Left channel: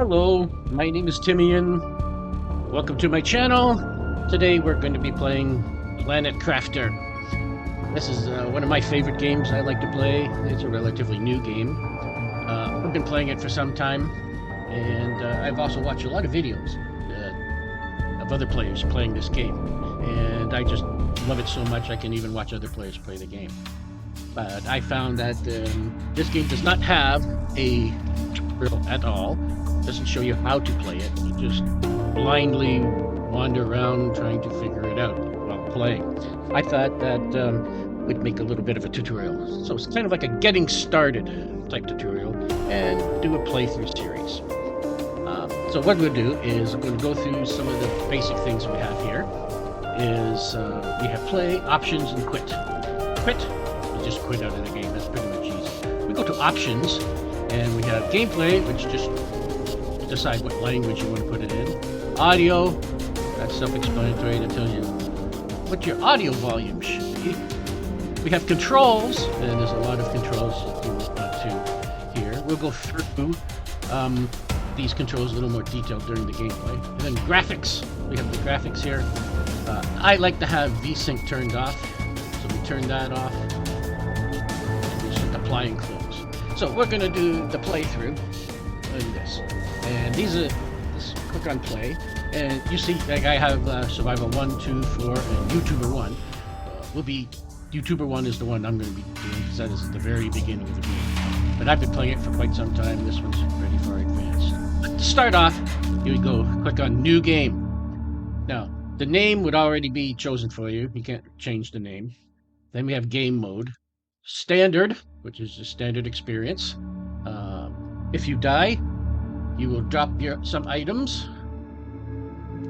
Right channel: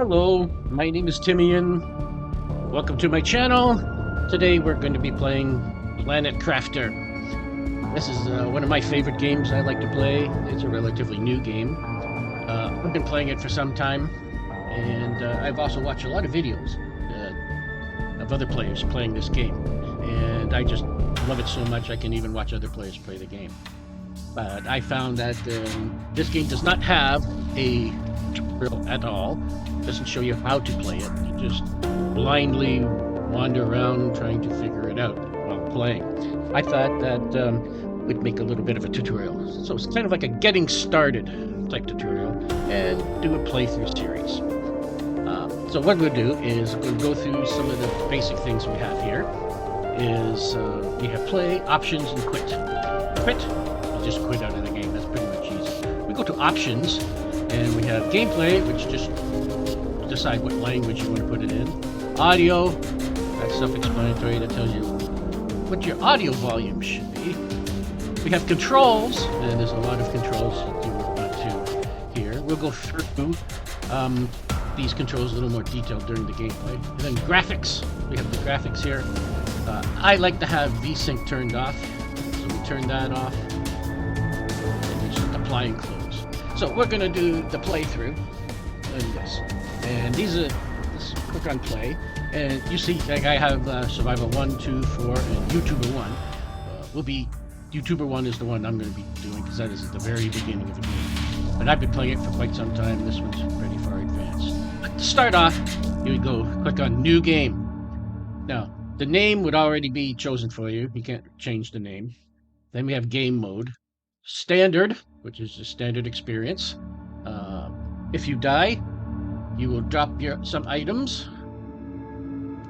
Hello, my name is Timian. Welcome to my channel. Today we're going to be playing Planet Crafter. This is one of my favorite games I like to play. It's a relatively new game. I've been playing it for some time, and I've also watched a lot of videos of other players playing this game. And I just love it so much I can even watch other players play the game. But I found that this game does not have a tutorial at all. It doesn't show you how to play it. You just blindly wander around trying to figure it out while playing. I thought that would make a little bit of a tutorial. So it's kind of like a getting started type tutorial and do a playthrough series. So what we'll do is we're going to go through some of the basic things we have here. We have play, options, and quit. Quit, you just quit out of the game. That's pretty much easy. We go to options, and we have gameplay, which just decide what language you want to put it in. Audio, that's self-explanatory. That tells you what your audio volume should be. We have controls, and there's a lot of controls that you want to hear. We'll go through these controls a little more detailed during the gameplay. And then graphics. We have the graphics here. I like to have VSync turned off, so we turn that off, and we just apply and close. So we're going to do the playthrough in this. And just click on play, and you see like I have Survival 1, 2, 4, and YouTuber 1. YouTuber 1 is the one I'm going to be doing because that is at the very beginning of the game. But I've been playing it for quite some time. This one's pretty far advanced. But to start off, you would go click on New Game. Now, the name would already be chosen for you. You can't change the name. Then we have Game Mode. Standard, which is the standard experience. If you die, you will drop some items,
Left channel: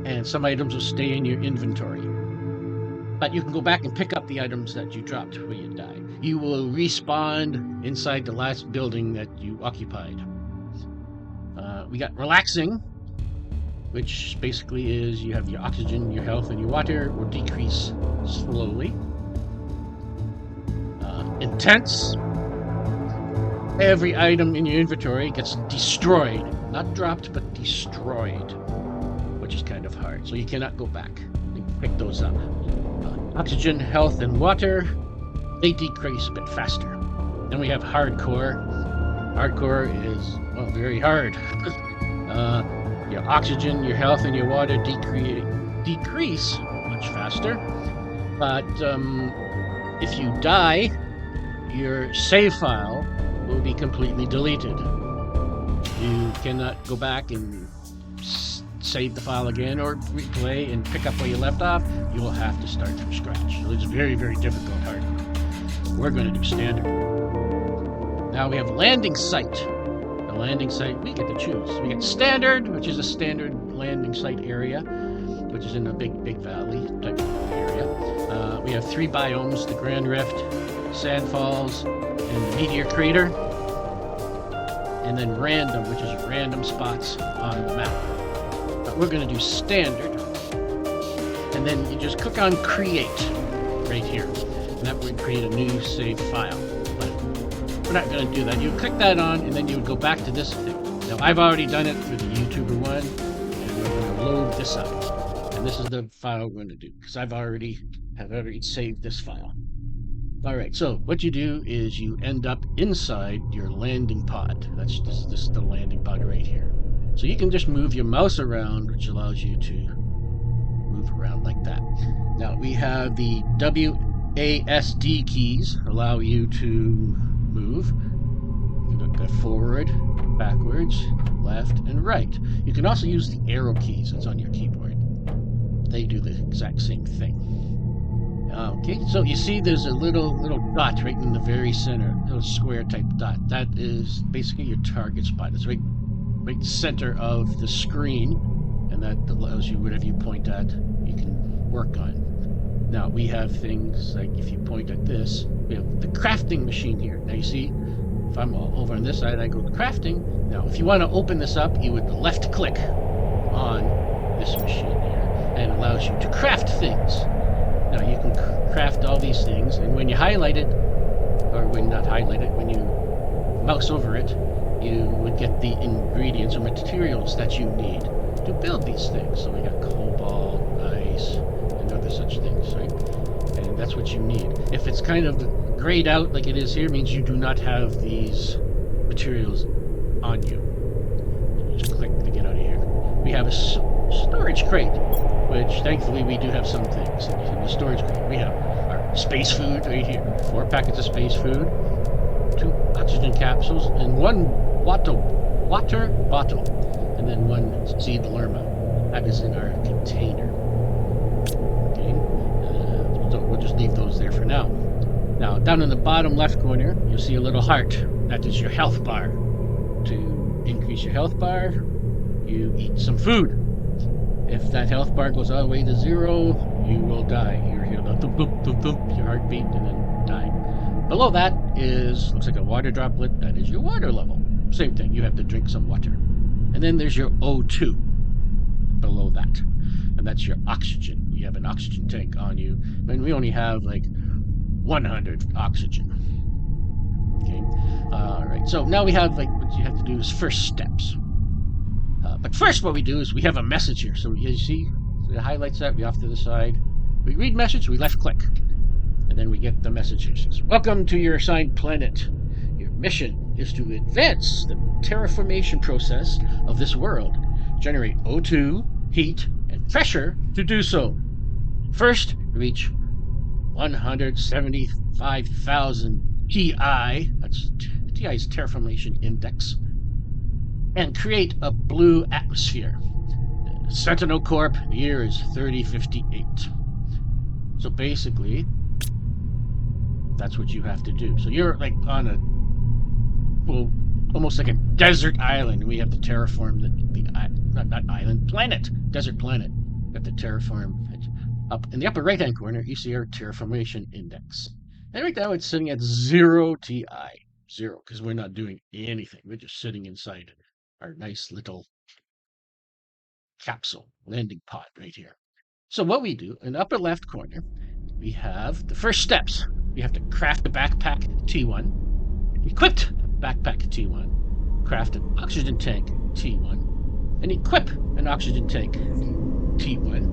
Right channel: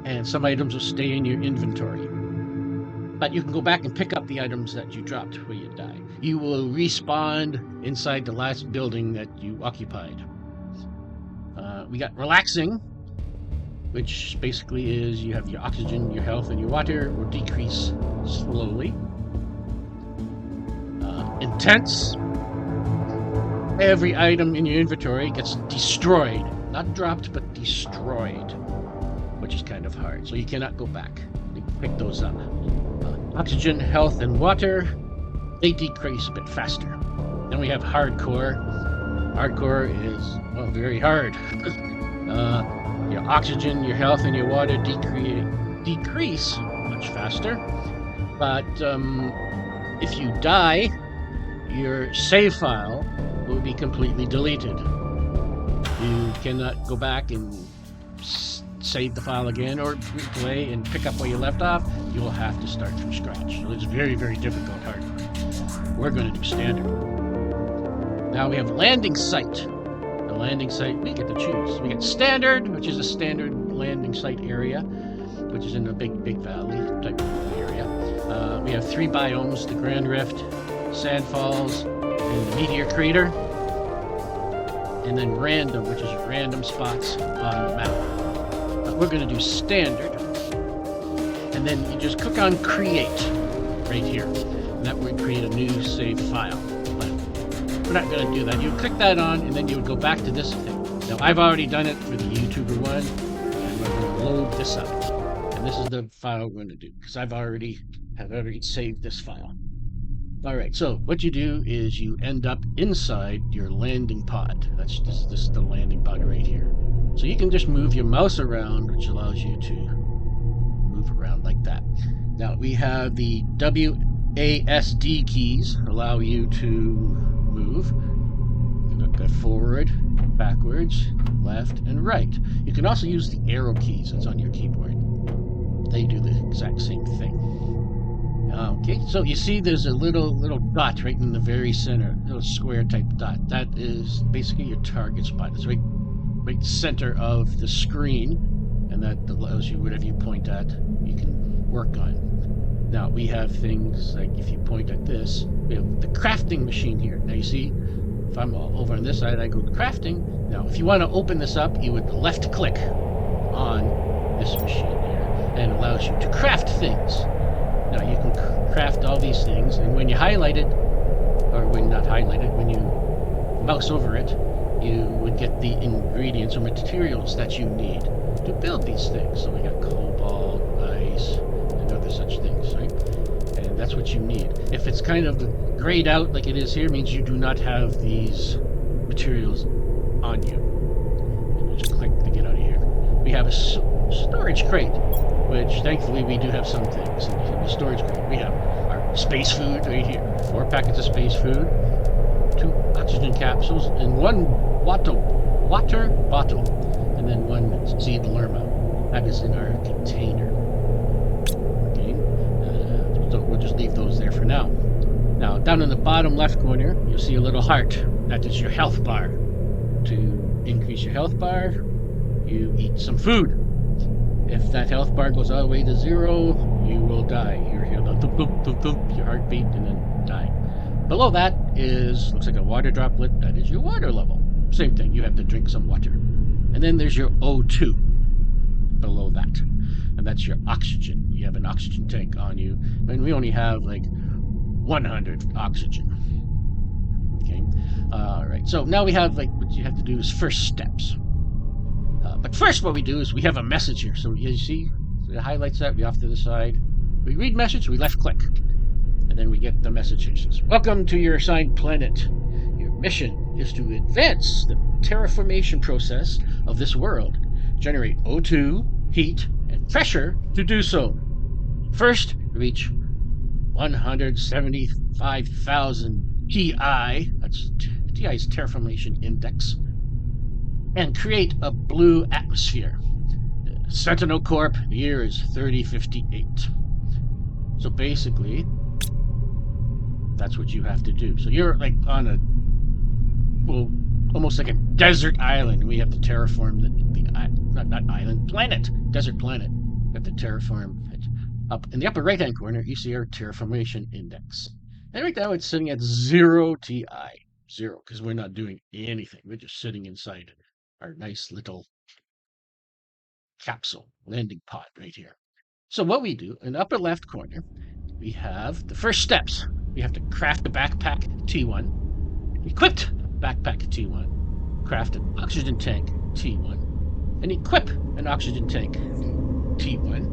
and some items will stay in your inventory. But you can go back and pick up the items that you dropped when you die. You will respawn inside the last building that you occupied. We got relaxing, which basically is you have your oxygen, your health, and your water will decrease slowly. Intense. Every item in your inventory gets destroyed. Not dropped, but destroyed, which is kind of hard. So you cannot go back. You pick those up. Oxygen, health, and water, they decrease a bit faster. Then we have hardcore. Hardcore is, well, very hard. Your oxygen, your health, and your water decrease much faster. But if you die, your save file will be completely deleted. You cannot go back and save the file again or replay and pick up where you left off. You'll have to start from scratch. So it's very, very difficult hardcore. We're going to do standard. Now we have landing site. The landing site, we get to choose. We get standard, which is a standard landing site area, which is in a big valley type of area. We have 3 biomes, the Grand Rift, Sand Falls, and the Meteor Crater. And then random, which is random spots on the map. But we're going to do standard. And then you just click on create right here. And that would create a new save file. But we're not going to do that. You would click that on, and then you would go back to this thing. Now, I've already done it for the YouTuber one, and we're going to load this up. And this is the file we're going to do, because I've already saved this file. All right, so what you do is you end up inside your landing pod. This is the landing pod right here. So you can just move your mouse around, which allows you to move around like that. Now we have the WASD keys allow you to move. You look at forward, backwards, left, and right. You can also use the arrow keys that's on your keyboard. They do the exact same thing. Okay, so you see there's a little dot right in the very center, little square type dot. That is basically your target spot. It's right center of the screen, and that allows you whatever you point at, you can work on. Now we have things like if you point at this, we have the crafting machine here. Now you see, if I'm over on this side, I go to crafting. Now if you want to open this up, you would left click on this machine here, and it allows you to craft things. Now you can craft all these things, and when you highlight it, or when not highlight it, when you mouse over it, you would get the ingredients or materials that you need to build these things. So we got cobalt, ice, and other such things, right? And that's what you need. If it's kind of grayed out like it is here, it means you do not have these materials on you. And you just click to get out of here. We have a storage crate, which thankfully we do have some things in the storage crate. We have our space food right here, 4 packets of space food, 2 oxygen capsules, and 1 water bottle, and then 1 seed lerma. That is in our container. Okay, so we'll just leave those there for now. Now, down in the bottom left corner, you'll see a little heart. That is your health bar. To increase your health bar, you eat some food. If that health bar goes all the way to 0, you will die. You'll hear the thump, thump, thump, thump, your heartbeat, and then die. Below that looks like a water droplet. That is your water level. Same thing, you have to drink some water. And then there's your O2 below that. And that's your oxygen. You have an oxygen tank on you. And we only have like 100 oxygen. Okay. All right. So now we have, like, what you have to do is first steps. But first what we do is we have a message here. So you see, so it highlights that, we off to the side. We read message, we left click. And then we get the message here. It says, welcome to your assigned planet. Your mission is to advance the terraformation process of this world. Generate O2, heat, and pressure to do so. First, reach 175,000 TI, that's TI's terraformation index, and create a blue atmosphere. Sentinel Corp, the year is 3058. So basically, that's what you have to do. So you're like on a, well, almost like a desert island. We have to terraform desert planet. We have to terraform it. Up in the upper right-hand corner, you see our terraformation index. And right now it's sitting at 0 TI. 0, because we're not doing anything. We're just sitting inside our nice little capsule landing pod right here. So what we do, in the upper left corner, we have the first steps. We have to craft a backpack T1, equipped backpack T1, craft an oxygen tank T1, and equip an oxygen tank T1,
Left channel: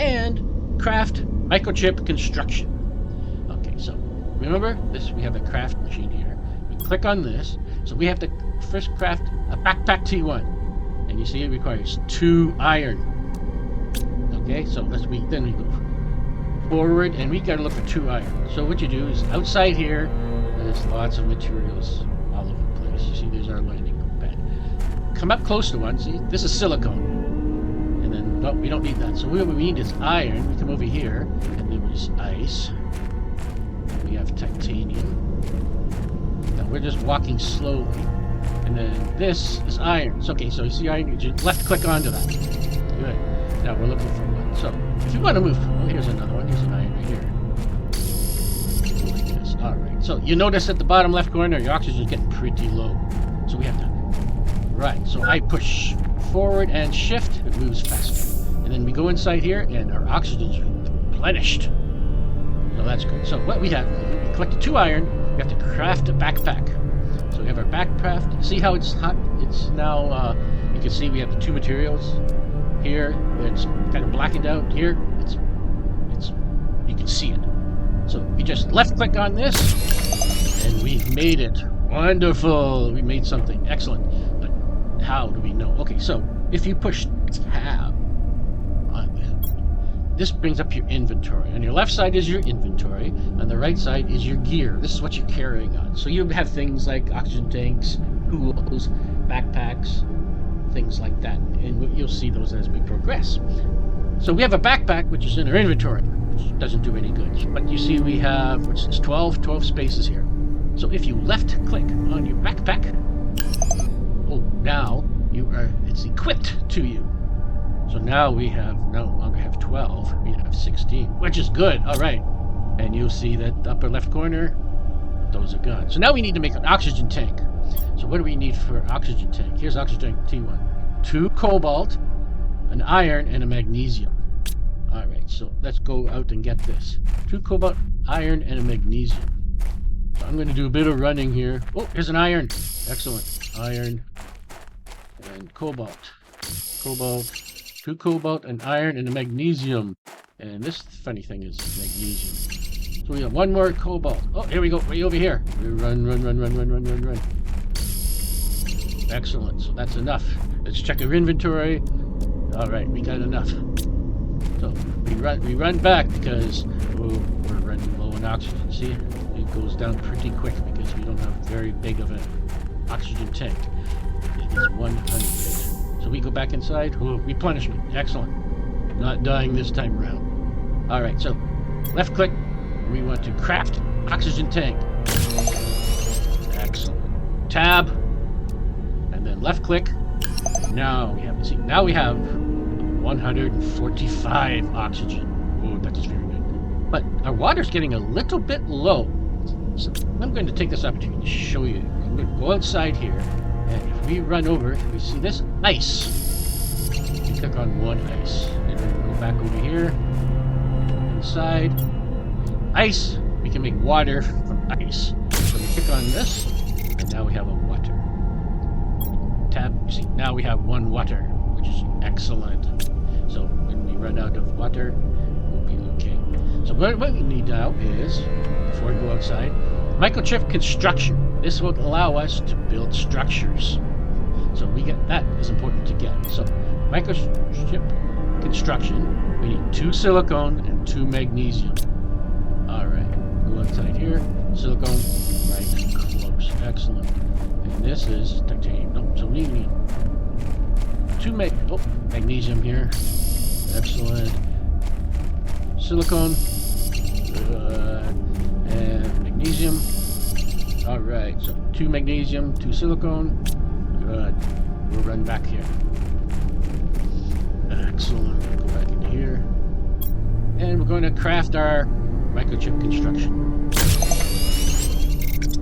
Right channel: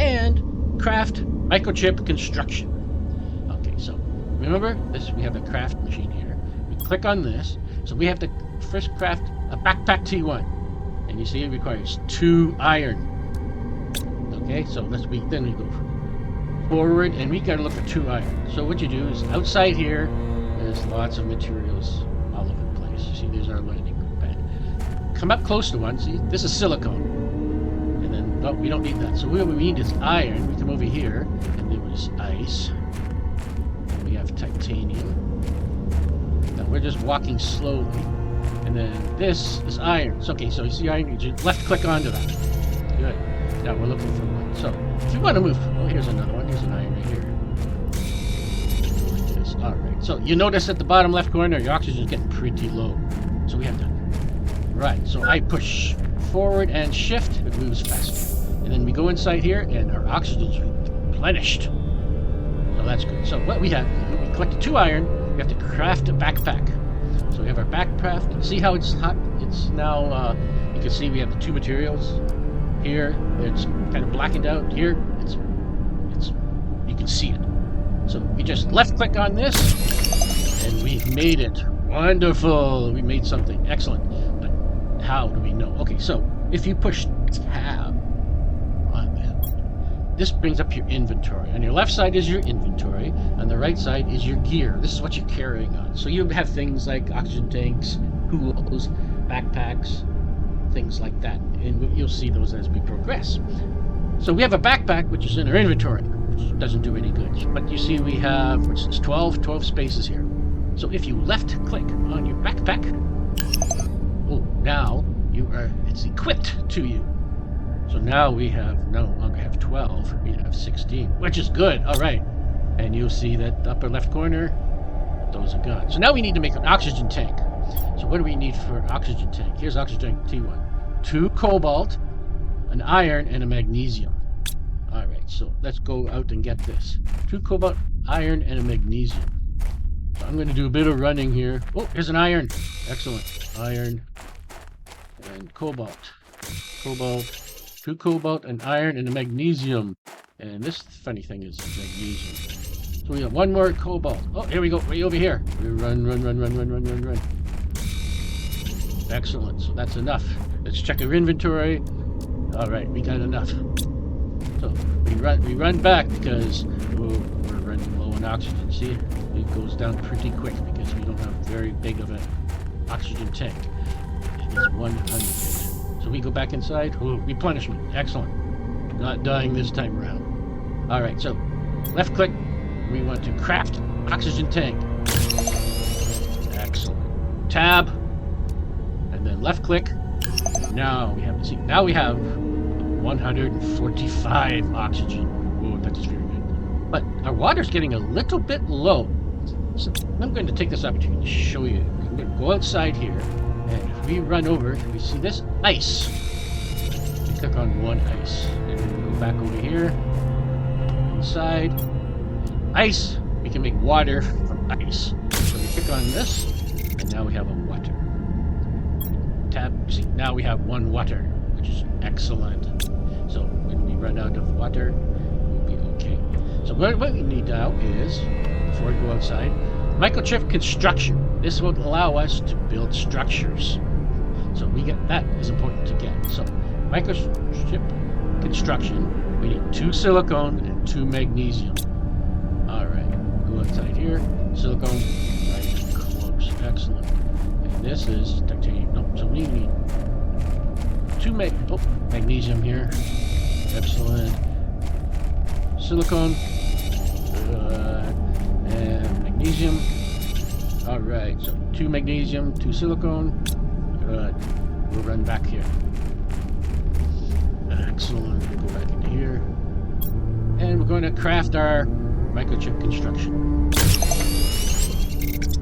and craft microchip construction. Okay, so remember this, we have a craft machine here. We click on this, so we have to first craft a backpack T1, and you see it requires 2 iron. Okay, so then we go forward, and we gotta look for 2 iron. So what you do is outside here, there's lots of materials all over the place. You see, there's our landing pad. Come up close to one. See, this is silicone, and then no, we don't need that. So what we need is iron. We come over here, and there was ice. We have titanium. Now we're just walking slowly, and then this is iron. So, okay, so you see iron. You just left click onto that. Good. Now we're looking for one. So if you want to move, oh, here's another one. Here's an iron right here. Like this. All right. So you notice at the bottom left corner, your oxygen is getting pretty low. So we have to. Right. So I push forward and shift. It moves faster. And then we go inside here, and our oxygen's replenished. So that's good. So what we have, we collected 2 iron. We have to craft a backpack. So we have our backcraft. See how it's hot? It's now. You can see we have the 2 materials. Here, it's kind of blackened out. Here, it's you can see it. So we just left click on this, and we've made it. Wonderful. We made something. Excellent. But how do we know? Okay, so if you push tab on that, this brings up your inventory. On your left side is your inventory. On the right side is your gear. This is what you're carrying on. So you have things like oxygen tanks, tools, backpacks, things like that, and you'll see those as we progress. So we have a backpack which is in our inventory, which doesn't do any good, but you see we have, what's this, 12 spaces here. So if you left click on your backpack, oh, now it's equipped to you. So now we no longer have 12, we have 16, which is good. All right, and you'll see that upper left corner, those are gone. So now we need to make an oxygen tank. So what do we need for oxygen tank? Here's oxygen tank T1. 2 cobalt, an iron, and a magnesium. Alright, so let's go out and get this. 2 cobalt, iron, and a magnesium. So I'm going to do a bit of running here. Oh, here's an iron. Excellent. Iron and cobalt. Cobalt. 2 cobalt, an iron, and a magnesium. And this funny thing is magnesium. So we have 1 more cobalt. Oh, here we go. Way over here. We run. Excellent. So that's enough. Let's check our inventory. All right, we got enough. So we run back because we're running low on oxygen. See, it goes down pretty quick because we don't have very big of an oxygen tank. It is 100. So we go back inside. Oh, replenishment. Excellent. Not dying this time around. All right, so left click. We want to craft oxygen tank. Excellent. Tab, and then left click. Now we have, see, now we have 145 oxygen. Oh, that is very good. But our water's getting a little bit low. So I'm going to take this opportunity to show you. I'm going to go outside here, and if we run over, we see this ice. We click on 1 ice. And then we go back over here, inside. Ice, we can make water from ice. So we click on this, and now we have a water. Tab, see, now we have 1 water, which is excellent. So when we run out of water, we'll be okay. So what we need now is, before we go outside, microchip construction. This will allow us to build structures. So we get, that is important to get. So microchip construction, we need 2 silicone and 2 magnesium. All right, go outside here, silicone, right close, excellent. And this is titanium. No, so we need 2 magnesium here, excellent. Silicone, and magnesium. All right, so 2 magnesium, 2 silicone, good. We'll run back here. Excellent. Go back into here, and we're going to craft our microchip construction.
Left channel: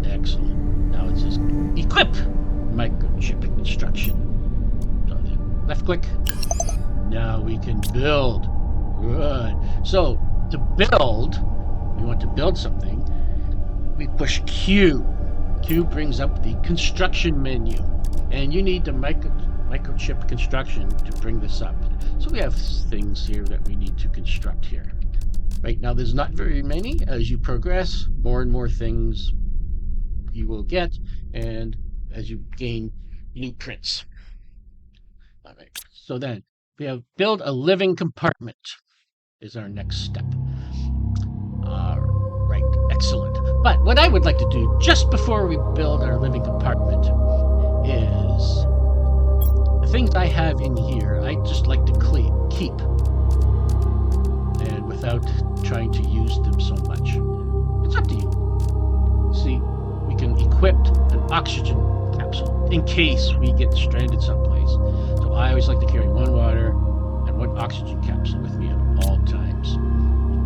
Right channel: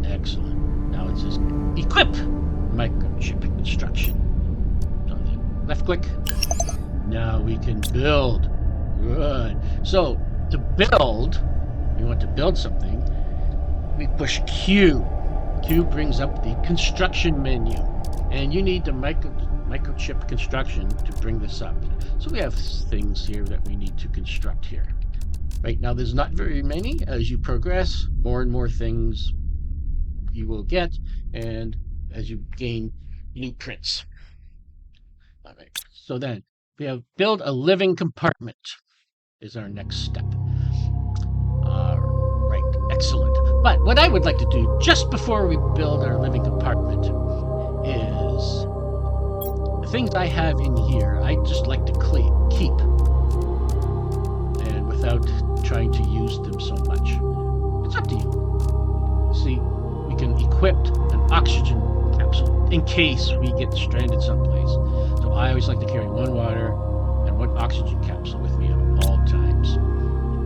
Excellent. Now it says equip microchip construction. So then left click. Now we can build. Good. So to build, we want to build something. We push Q. Q brings up the construction menu, and you need the microchip construction to bring this up. So we have things here that we need to construct here. Right now there's not very many. As you progress, more and more things you will get, and as you gain blueprints. All right, so then we have build a living compartment is our next step. Right, excellent. But what I would like to do just before we build our living compartment is the things I have in here, I just like to keep, and without trying to use them so much. It's up to you. See, we can equip an oxygen capsule in case we get stranded someplace. So I always like to carry 1 water and 1 oxygen capsule with me at all times,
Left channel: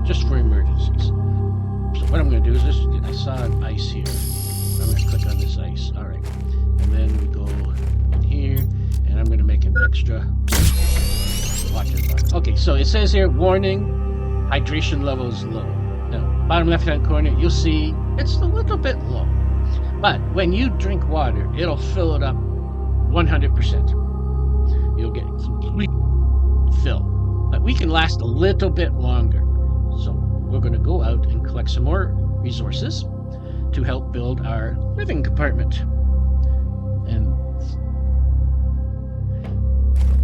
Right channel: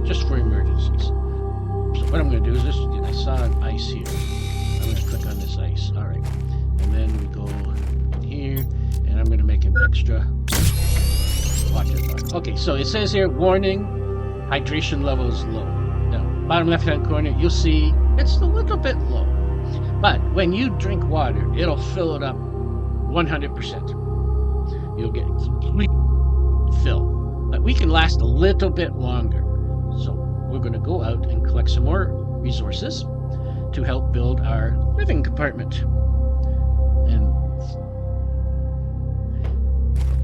just for emergencies. So what I'm going to do is this. I saw an ice here. I'm going to click on this ice. All right, and then we go in here, and I'm going to make an extra water bottle. Okay, so it says here, warning, hydration level is low. Now, bottom left-hand corner, you'll see it's a little bit low. But when you drink water, it'll fill it up 100%. You'll get complete fill. But we can last a little bit longer. So we're going to go out and collect some more resources to help build our living compartment. And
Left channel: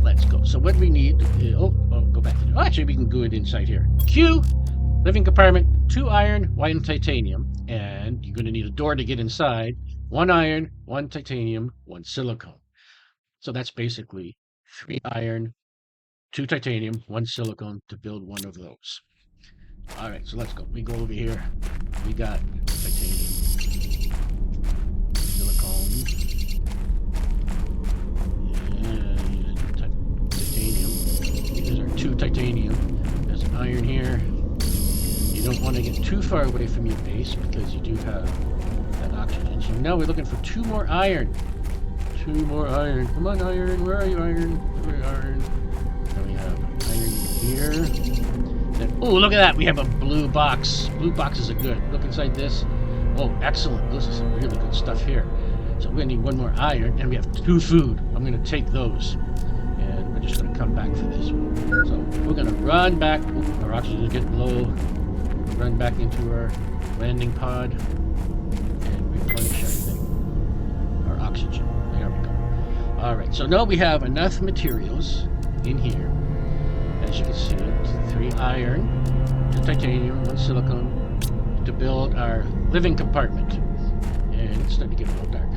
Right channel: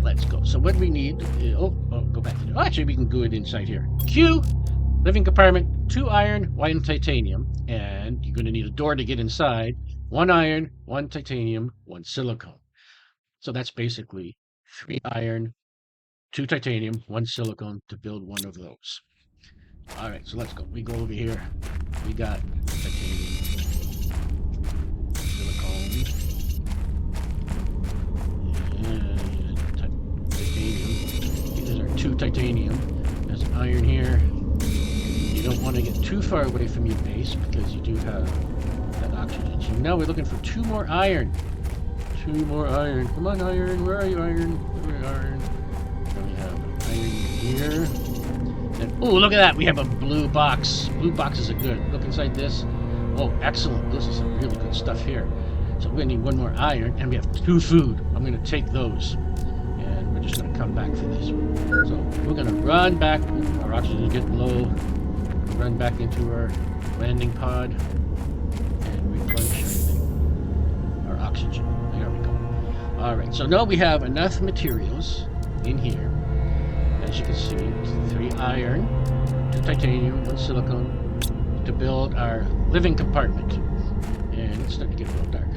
let's go. So what we need is, go back to actually we can do it inside here. Q, living compartment, 2 iron, 1 titanium, and you're going to need a door to get inside. 1 iron, 1 titanium, 1 silicone. So that's basically 3 iron, 2 titanium, 1 silicone to build one of those. All right, so let's go. We go over here. We got titanium, silicone, and titanium. These are 2 titanium. There's iron here. You don't want to get too far away from your base because you do have that oxygen. So now we're looking for 2 more iron. 2 more iron. Come on, iron. Where are you, iron? Where are you, iron? Then we have iron here. And, oh, look at that. We have a blue box. Blue boxes are good. Look inside this. Oh, excellent. This is some really good stuff here. So we're gonna need one more iron, and we have 2 food. I'm gonna take those, and we're just gonna come back for this one. So we're gonna run back. Oop, our oxygen is getting low. Run back into our landing pod and replenish everything. Our oxygen. There we go. All right. So now we have enough materials in here. As you can see, 3 iron, 2 titanium, 1 silicone, to build our living compartment. And it's starting to get a little dark.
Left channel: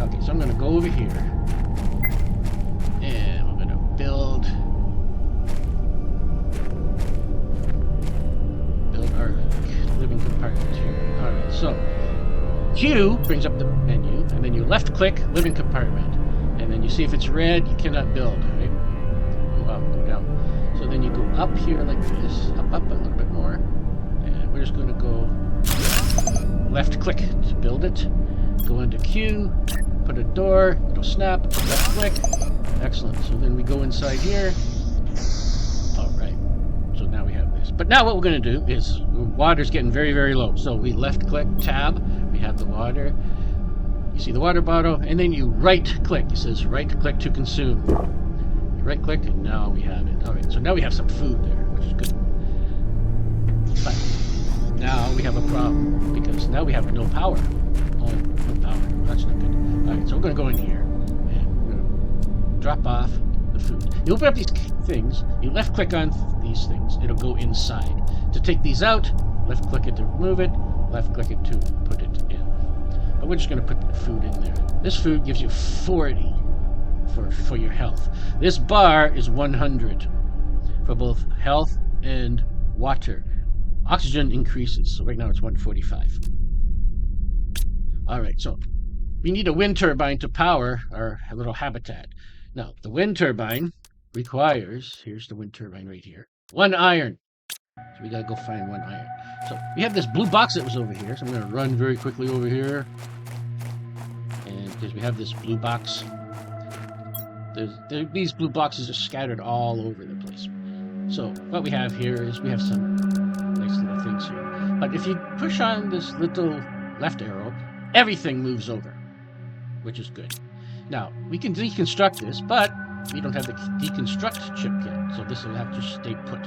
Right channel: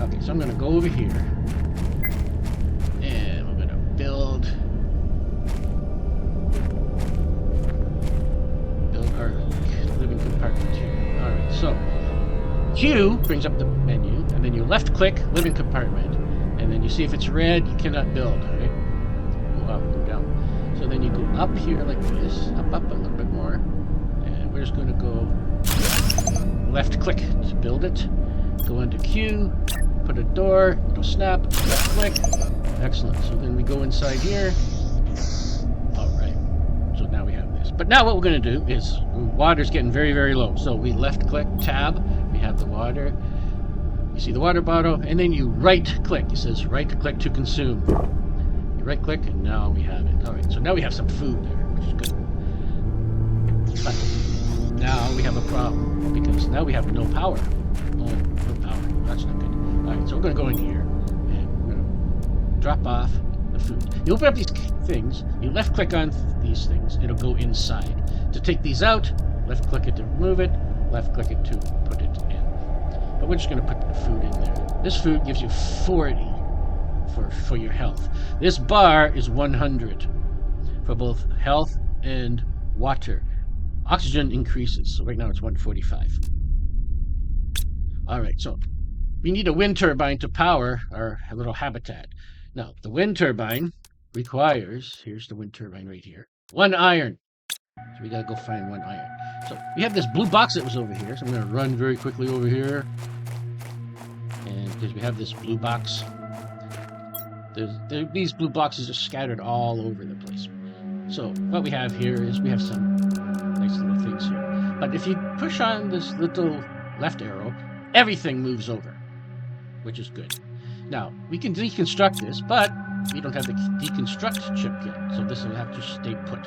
Okay, so I'm going to go over here and we're going to build our living compartment here. All right, so Q brings up the menu, and then you left click living compartment, and then you see if it's red, you cannot build, right? Go up, go down. So then you go up here like this, up a little bit more, and we're just going to go left click to build it. Go into Q, put a door, it'll snap, left click. Excellent. So then we go inside here. All right. So now we have this. But now what we're going to do is water's getting very, very low. So we left click, tab, we have the water. You see the water bottle, and then you right click. It says right click to consume. You right click, and now we have it. All right. So now we have some food there, which is good. But now we have a problem because now we have no power. Oh, no power. That's not good. All right. So we're going to go in here, and we're going to drop off the food. You open up these things, you left click on these things, it'll go inside. To take these out, left click it to remove it, left click it to put it in. But we're just going to put the food in there. This food gives you 40 for your health. This bar is 100 for both health and water. Oxygen increases, so right now it's 145. All right, so we need a wind turbine to power our little habitat. Now, the wind turbine requires, here's the wind turbine right here, 1 iron. So we gotta go find 1 iron. So we have this blue box that was over here, so I'm gonna run very quickly over here. And because we have this blue box, these blue boxes are scattered all over the place. So what we have here is we have some nice little things here. But if you push on this little left arrow, everything moves over, which is good. Now, we can deconstruct this, but we don't have the deconstruct chip yet, so this will have to stay put.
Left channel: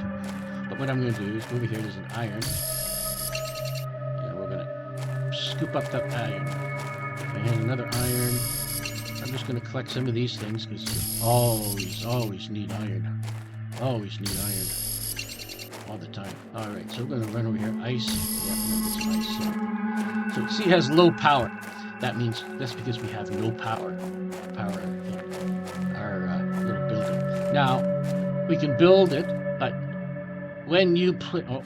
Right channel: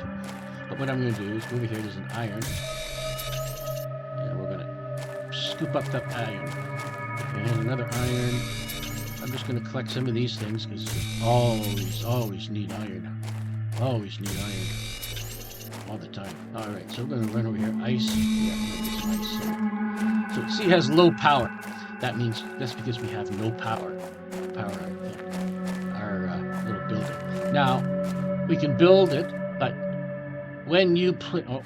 But what I'm going to do is go over here, there's an iron, and we're going to scoop up that iron. And another iron. I'm just going to collect some of these things, because you always need iron. Always need iron. All the time. Alright, so we're going to run over here. Ice. Yeah, I'm going to get some ice. So see, it has low power. That means that's because we have no power. Our little building. Now, we can build it, but when you put... Oh,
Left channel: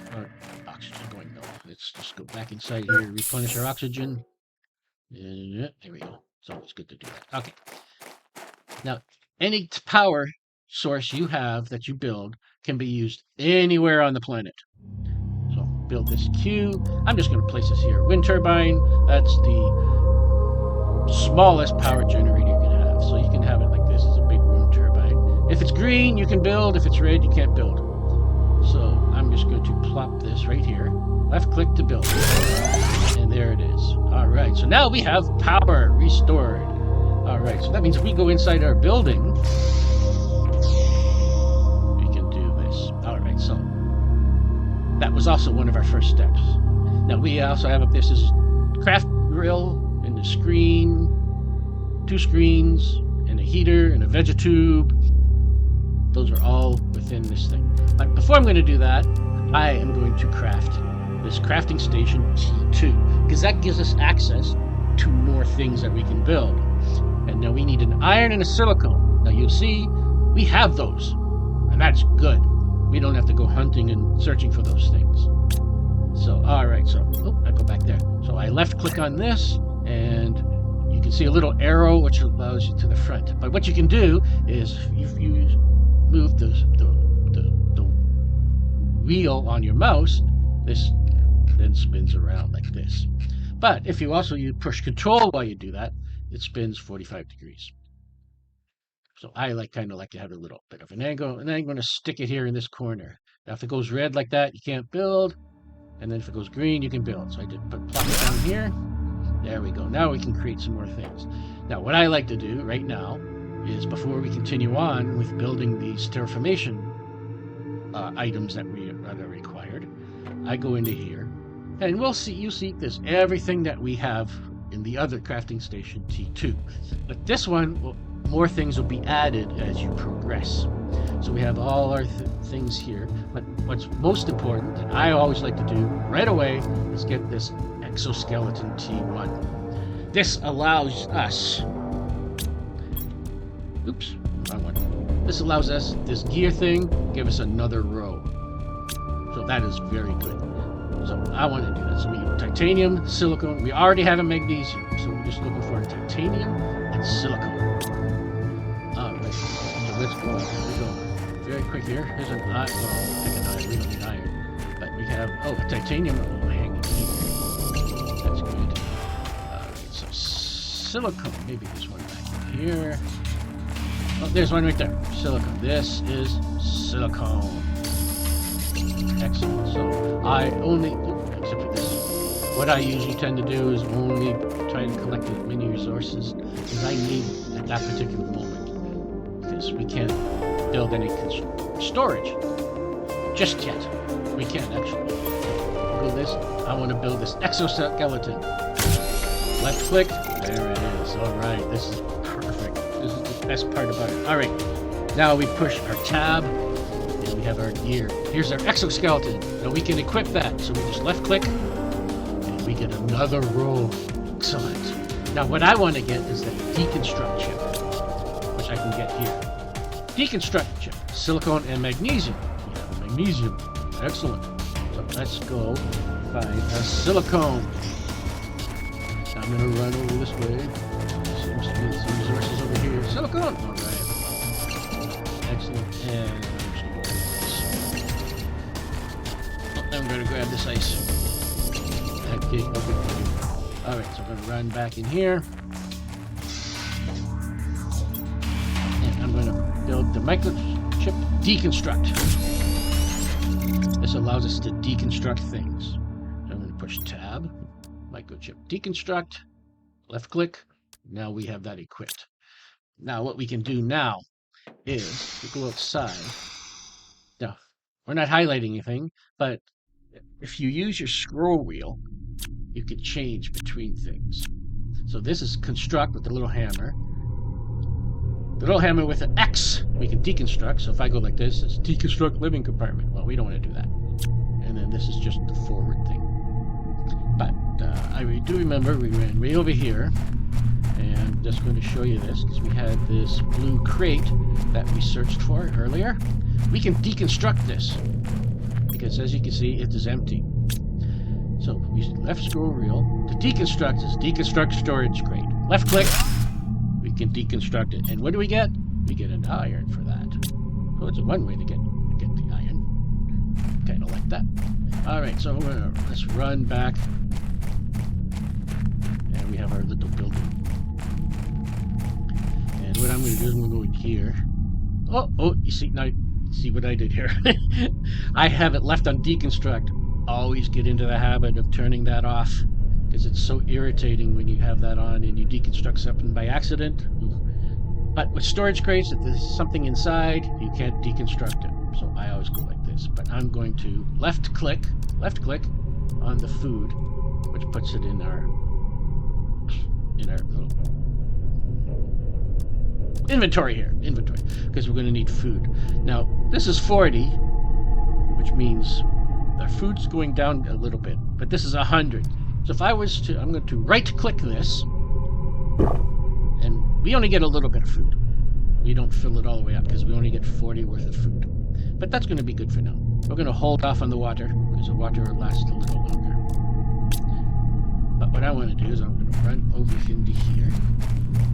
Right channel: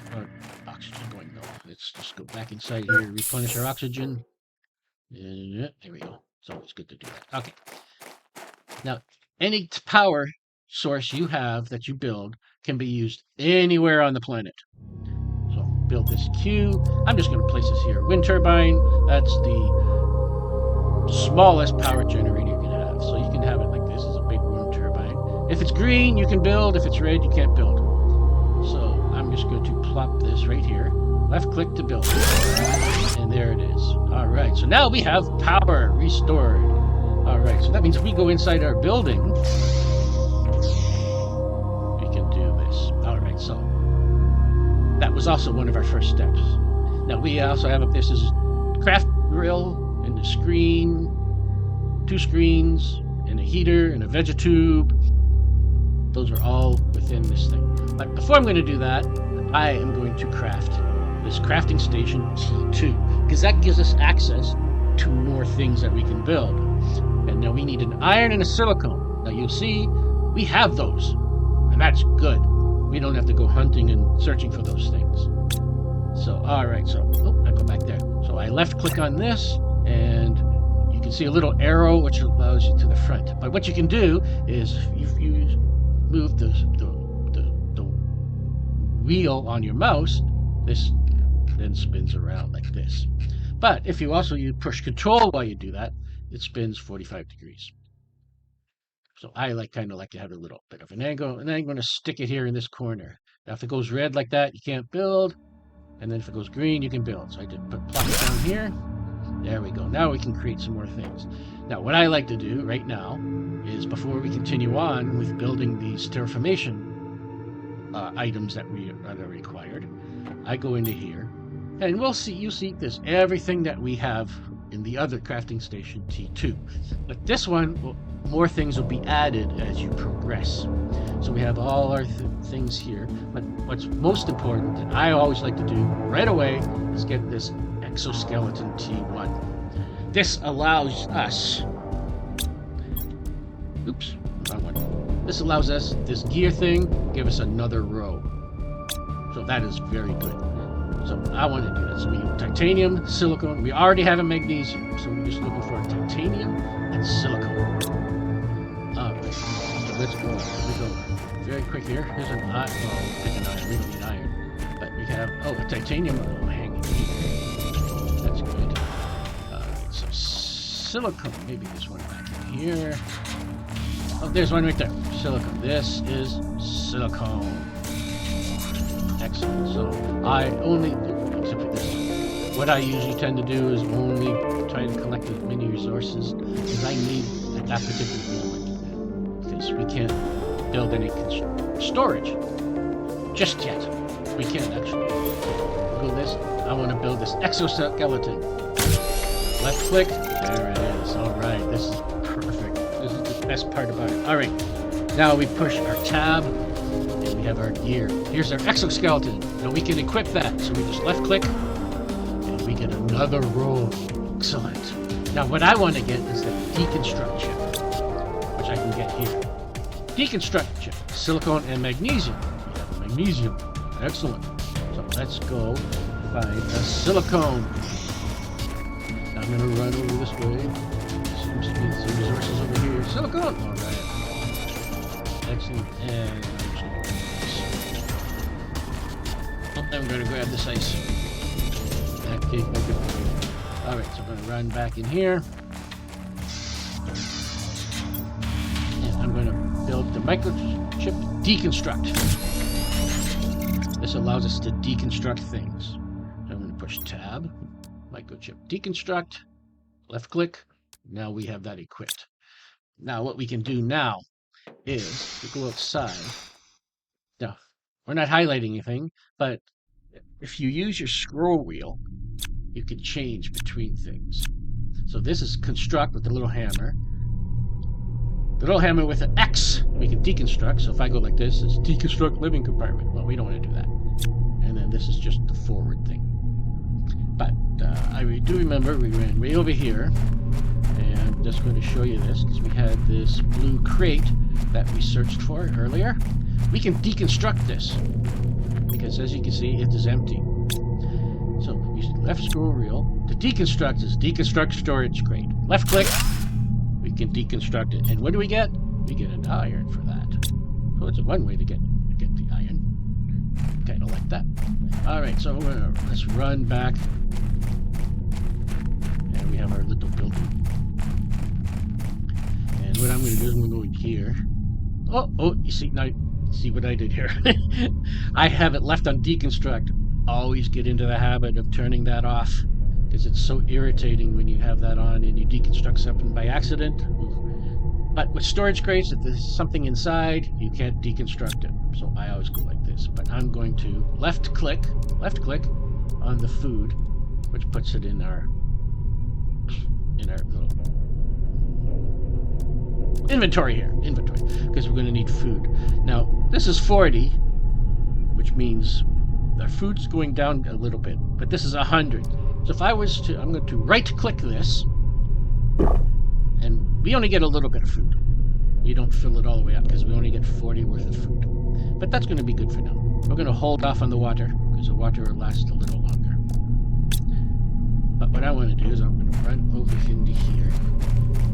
oxygen going low. Let's just go back inside here, replenish our oxygen. There we go. It's always good to do that. Okay. Now, any power source you have that you build can be used anywhere on the planet. So, build this Q. I'm just going to place this here. Wind turbine, that's the smallest power generator you can have. So you can have it like this. It's a big wind turbine. If it's green, you can build. If it's red, you can't build. So I'm just going to plop this right here. Left click to build. And there it is. All right. So now we have power restored. All right. So that means if we go inside our building, we can do this. All right. So that was also one of our first steps. Now we also have up this is craft grill. And the screen, 2 screens, and a heater, and a vegetube. Those are all within this thing. But before I'm going to do that, I am going to craft this crafting station T2, because that gives us access to more things that we can build. And now we need an iron and a silicone. Now you'll see, we have those, and that's good. We don't have to go hunting and searching for those things. So, all right, so, I go back there. So I left click on this, and you can see a little arrow which allows you to the front. But what you can do is if you move the wheel on your mouse, this then spins around like this. But if you push control while you do that, it spins 45 degrees. So I kind of like to have a little bit of an angle, and then I'm going to stick it here in this corner. Now if it goes red like that, you can't build. And then if it goes green, you can build. So I did plop it down here. There we go. Now we can create some more things. Now, what I like to do right now is, before we continue on with building these terraformation items that are required, I go into here, and you'll see there's everything that we have in the other crafting station T2. But this one, more things will be added as you progress. So we have all our things here. But what's most important that I always like to do right away is get this exoskeleton T1. This allows us, oops, wrong one. This allows us, this gear thing, give us another row. So that is very good. So I want to do that. So we have titanium, silicone. We already have a magnesium, so we're just looking for titanium and silicone. All right, so let's go. We go very quick here. Here's an iron. Well, pick an iron. We don't need iron, but we have a titanium hanging here. That's good. All right, so silicone. Maybe there's one back in here. Oh, there's one right there. Silicone. This is silicone. Excellent. So I only, except for this, what I usually tend to do is only try to collect as many resources as I need at that particular moment, because we can't build any storage just yet. We can't actually. Go this. I want to build this exoskeleton. Left click. There it is. All right. This is perfect. This is the best part about it. All right. Now we push our tab. We have our gear. Here's our exoskeleton. Now we can equip that. So we just left click and we get another row. Excellent. Now what I want to get is the deconstruct chip, which I can get here. Deconstruct chip, silicone and magnesium. We have a magnesium. Excellent. So let's go find a silicone. Now I'm going to run over this way. Seems to be some resources over here. Silicone. All right. Excellent. And I'm going to grab this ice. Okay, okay. Alright, so I'm going to run back in here. And I'm going to build the microchip deconstruct. This allows us to deconstruct things. So I'm going to push tab, microchip deconstruct, left click. Now we have that equipped. Now what we can do now is to go outside. Now, we're not highlighting anything, but if you use your scroll wheel, you can change between things. So this is construct with the little hammer. The little hammer with an X, we can deconstruct. So if I go like this, it's deconstruct living compartment. Well, we don't want to do that. And then this is just the forward thing. But I do remember we ran way over here. And I'm just going to show you this because we had this blue crate that we searched for earlier. We can deconstruct this, because as you can see, it is empty. So we left scroll wheel. To deconstruct is deconstruct storage crate. Left click, we can deconstruct it. And what do we get? We get an iron for that. So it's one way to get the iron. Kind of like that. All right, so let's run back. And we have our little building. And what I'm going to do is I'm going to go in here. Oh, you see now. See what I did here? I have it left on deconstruct. Always get into the habit of turning that off, because it's so irritating when you have that on and you deconstruct something by accident. But with storage crates, if there's something inside, you can't deconstruct it. So I always go like this. But I'm going to left click on the food, which puts it in our little inventory here, because we're going to need food. Now, this is 40, which means our food's going down a little bit, but this is 100. So if I was to, I'm going to right-click this, and we only get a little bit of food. We don't fill it all the way up, because we only get 40 worth of food. But that's going to be good for now. We're going to hold off on the water, because the water will last a little longer. But what I want to do is I'm going to run over into here,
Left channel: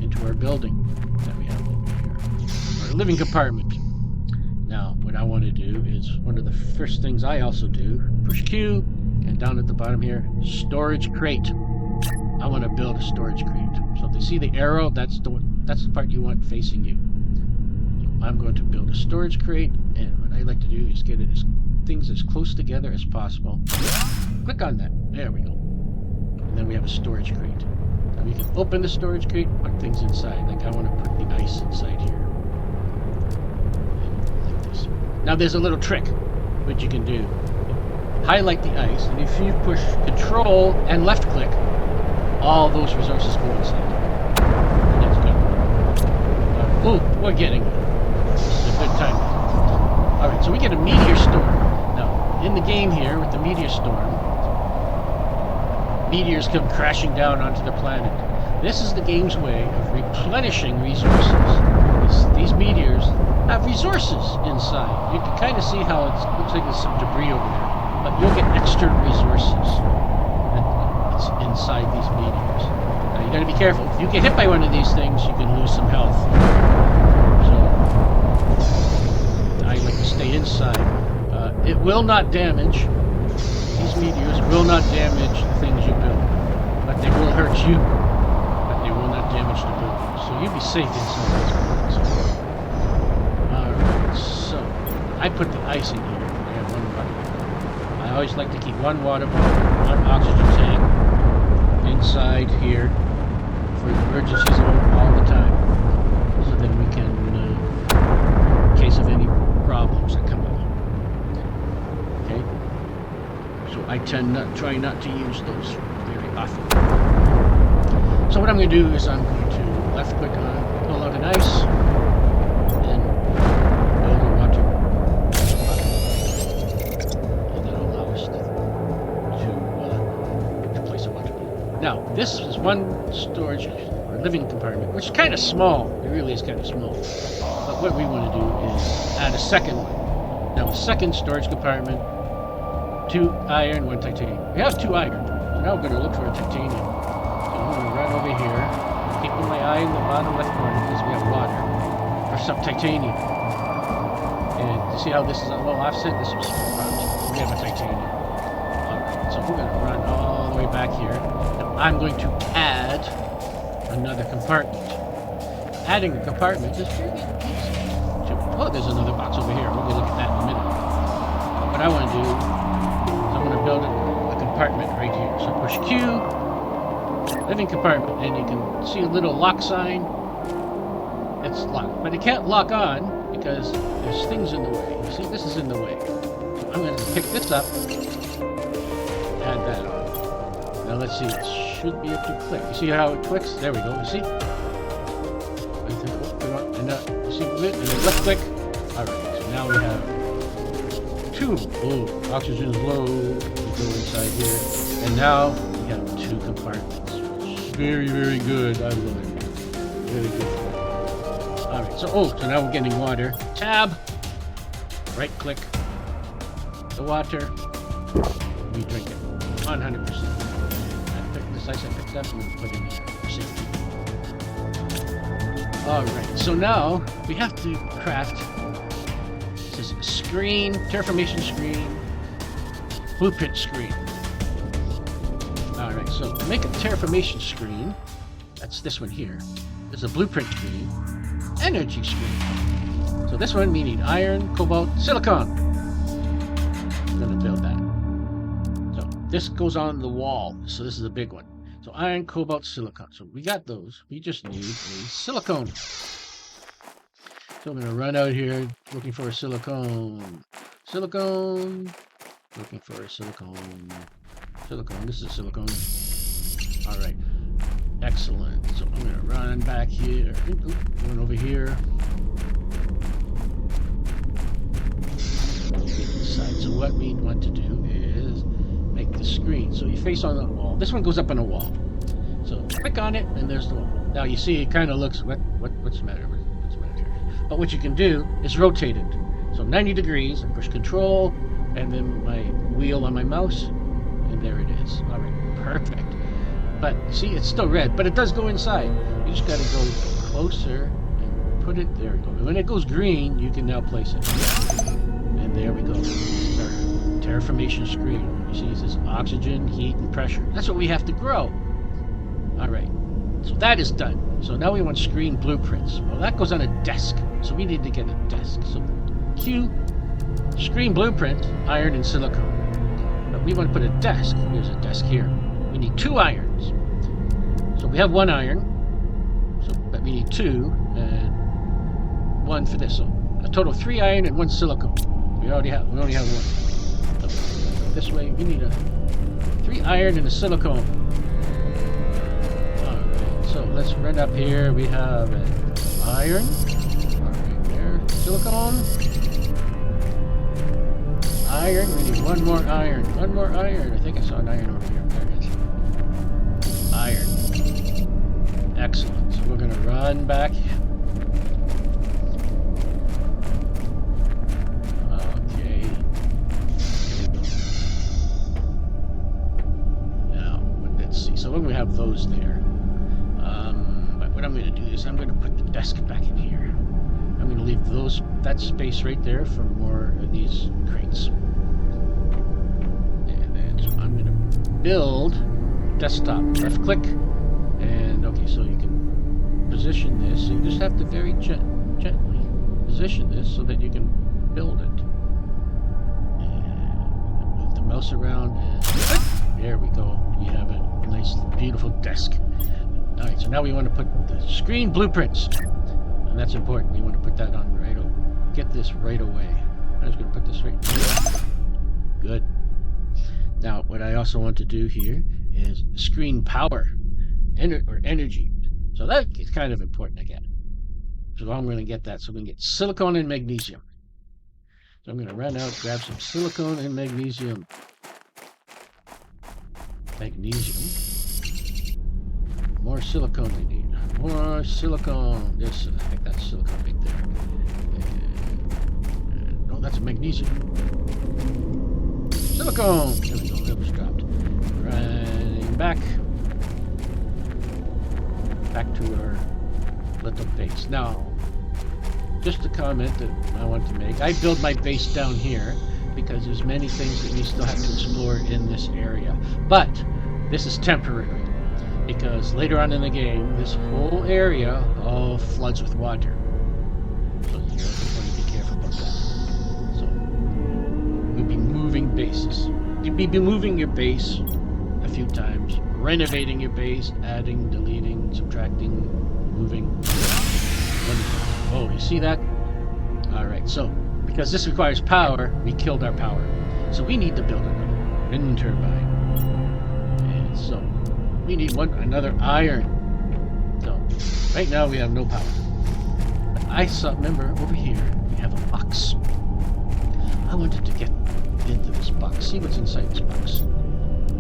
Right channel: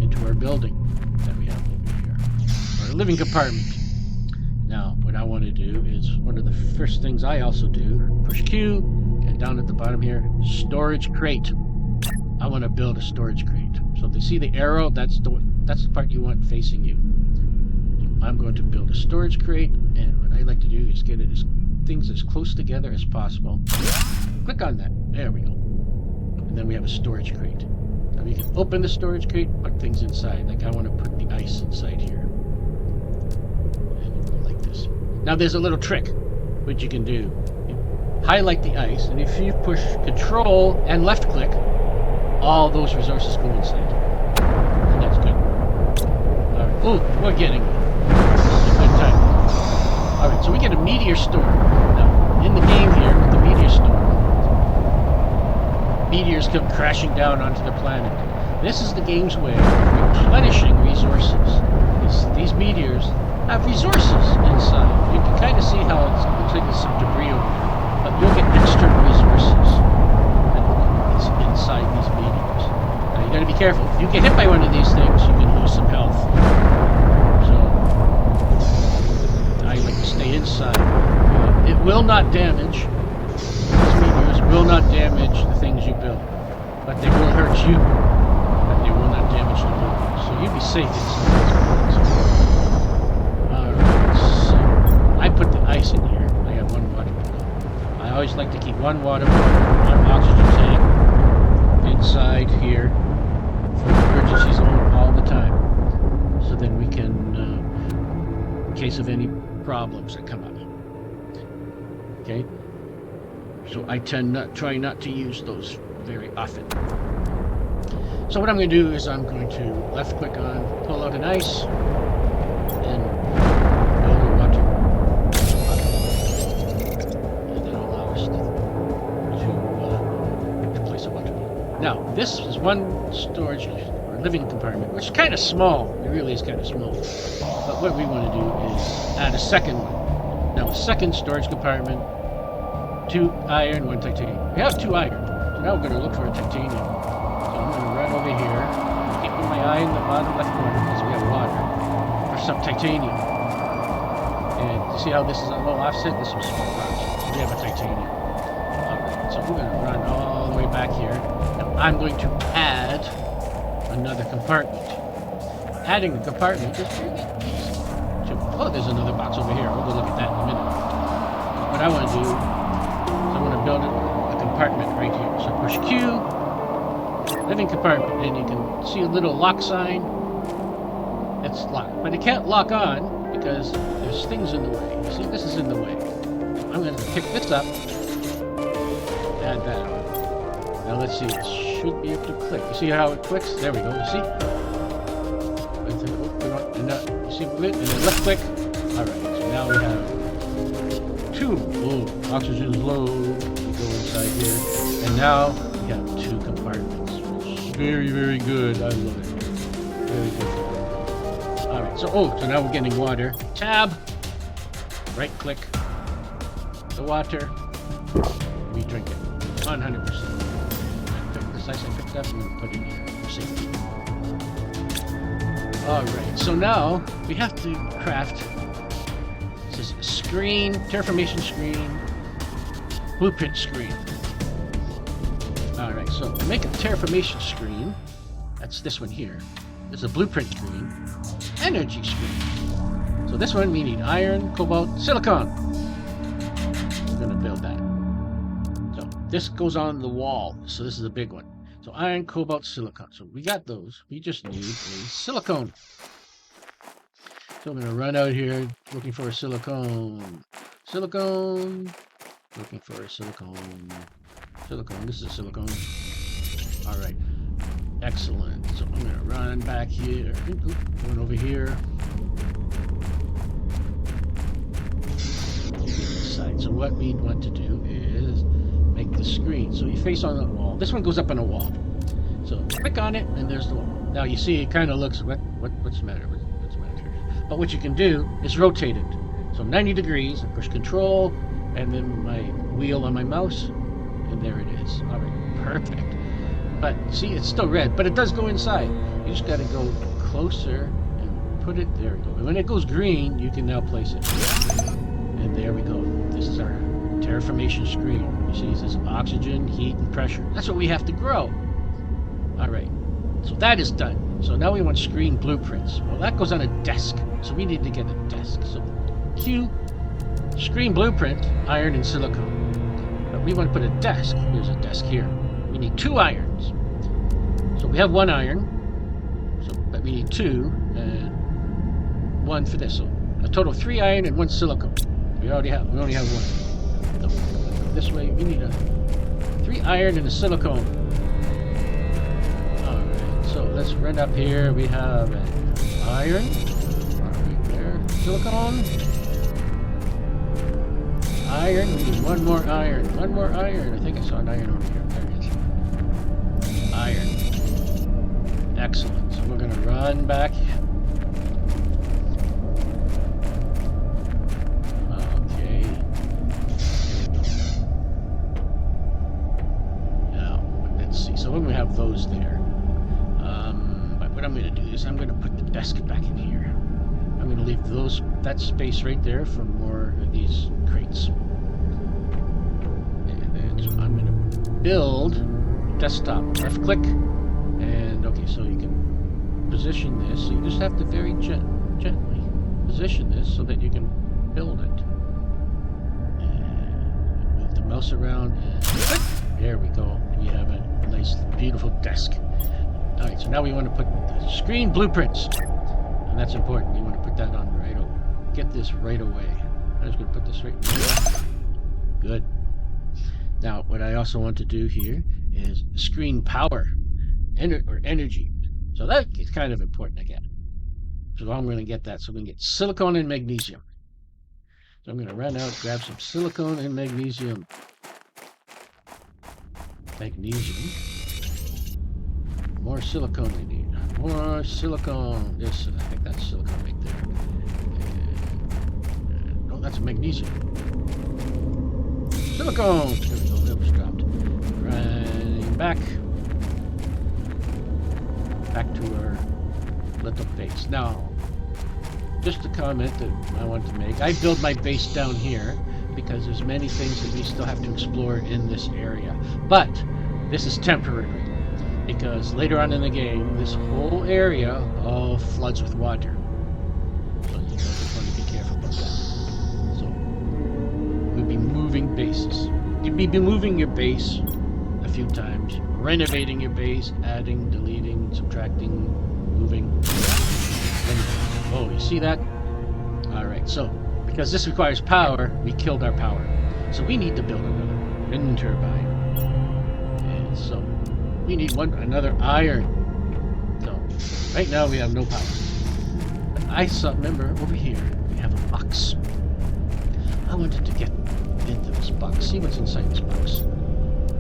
into our building that we have over here, our living compartment. Now, what I want to do is, one of the first things I also do, push Q, and down at the bottom here, storage crate. I want to build a storage crate. So you see the arrow, that's the part you want facing you. So I'm going to build a storage crate, and what I like to do is get it as things as close together as possible. Click on that. There we go. And then we have a storage crate. Now we can open the storage crate, put things inside. Like I want to put the ice inside here. Like this. Now there's a little trick which you can do. You highlight the ice, and if you push Control and left click, all those resources go inside. And that's good. Oh, we're getting it. This is a good time. Alright, so we get a meteor storm. Now, in the game here, with the meteor storm, meteors come crashing down onto the planet. This is the game's way of replenishing resources. These meteors have resources inside. You can kind of see how it looks like there's some debris over there, but you'll get extra resources that's inside these meteors. Now you got to be careful. If you get hit by one of these things, you can lose some health. So I like to stay inside. It will not damage. These meteors will not damage the things you build, but they will hurt you. But they will not damage the building. So you be safe inside these buildings. Alright, so I put the ice in here. I have one water bottle. I always like to keep one water bottle, one oxygen tank inside here for emergencies all the time. So then we can, in case of any problems that come up. Okay? So I try not to use those very often. So what I'm going to do is I'm going to left click on, pull out an ice, and build a water bottle. And that'll allow us to place a water bottle. Now, this is one storage or living compartment, which is kind of small. It really is kind of small. But what we want to do is add a second one. Now, a second storage compartment, 2 iron, 1 titanium. We have 2 iron, so now we're going to look for a titanium. So I'm going to run over here, keeping my eye in the bottom left corner because we have water, for some titanium. And you see how this is a little offset? This is small parts. So we have a titanium. Alright, so we're going to run all the way back here. Now I'm going to add another compartment. Adding a compartment is really easy. Oh, there's another box over here. We'll go look at that in a minute. What I want to do, I'm going to build a compartment right here. So push Q, living compartment, and you can see a little lock sign. It's locked, but it can't lock on because there's things in the way. You see, this is in the way. So I'm going to pick this up, add that on. Now let's see, it should be able to click. You see how it clicks? There we go. You see? And you see it, and then left click. All right. So now we have 2. Oh, oxygen's low. We go inside here, and now we have 2 compartments. Which is very, very good. I love it. Very good. All right. So now we're getting water. Tab. Right click. The water. We drink it. 100%. I picked this ice I picked up. I'm gonna put in here for safety. All right. So now we have to craft. This is a screen, terraformation screen, blueprint screen. Alright, so to make a terraformation screen, that's this one here. There's a blueprint screen, energy screen. So this one we need iron, cobalt, silicon. I'm going to build that. So this goes on the wall, so this is a big one. So iron, cobalt, silicon. So we got those. We just need a silicone. So I'm going to run out here looking for a silicone. Silicone. Looking for a silicone. Silicone. This is a silicone. Alright. Excellent. So I'm going to run back here. Going over here. Inside. So what we want to do is make the screen. So you face on the wall. This one goes up on a wall. So click on it and there's the wall. Now you see it kind of looks, what's the matter? But what you can do is rotate it. So 90 degrees, and push Control, and then my wheel on my mouse, and there it is. All right, perfect. But see, it's still red, but it does go inside. You just got to go closer and put it, there we go. And when it goes green, you can now place it. And there we go. This is our terraformation screen. You see, it says oxygen, heat, and pressure. That's what we have to grow. All right, so that is done. So now we want screen blueprints. Well, that goes on a desk. So we need to get a desk. So Q, Screen blueprint, iron and silicone. But we want to put a desk. Here's a desk here. We need 2 irons. So we have 1 iron. But we need 2 and 1 for this. So a total of 3 iron and 1 silicone. We only have 1. So this way we need a 3 iron and a silicone. Alright, so let's run up here. We have an iron. Alright, there. Silicone. Iron. We need 1 more iron. 1 more iron. I think I saw an iron over here. There it is. Iron. Excellent. So we're going to run back. Okay. Here we go. Now, let's see. So when we have those there, but what I'm going to do is I'm going to put the desk back in here. I'm going to leave that space right there for more of these crates. And then so I'm going to build desktop. Left click. And okay, so you can position this. So you just have to very gently position this so that you can build it. And move the mouse around. And there we go. We have a nice, beautiful desk. All right, so now we want to put the screen blueprints. And that's important. We want to put that on right away. Get this right away. I'm just going to put this right here. Good. Now, what I also want to do here is screen power or energy. So that is kind of important again. So I'm going to get that. So I'm going to get silicone and magnesium. So I'm going to run out, grab some silicone and magnesium. Magnesium. More silicone we need. More silicone. This, I think that's silicone right there. And, oh, that's a magnesium. Silicone. There we go. It was dropped. Running back. Back to our little base. Now, just a comment that I want to make. I build my base down here because there's many things that we still have to explore in this area. But this is temporary because later on in the game, this whole area all floods with water. So you just want to be careful about that. So we'll be moving bases. You'll be moving your base a few times, renovating your base, adding, deleting, subtracting, moving. Oh, you see that? Alright, so because this requires power, we killed our power. So we need to build another wind turbine. And so we need another iron. So right now we have no power. But I saw, remember over here, we have a box. I wanted to get into this box, see what's inside this box.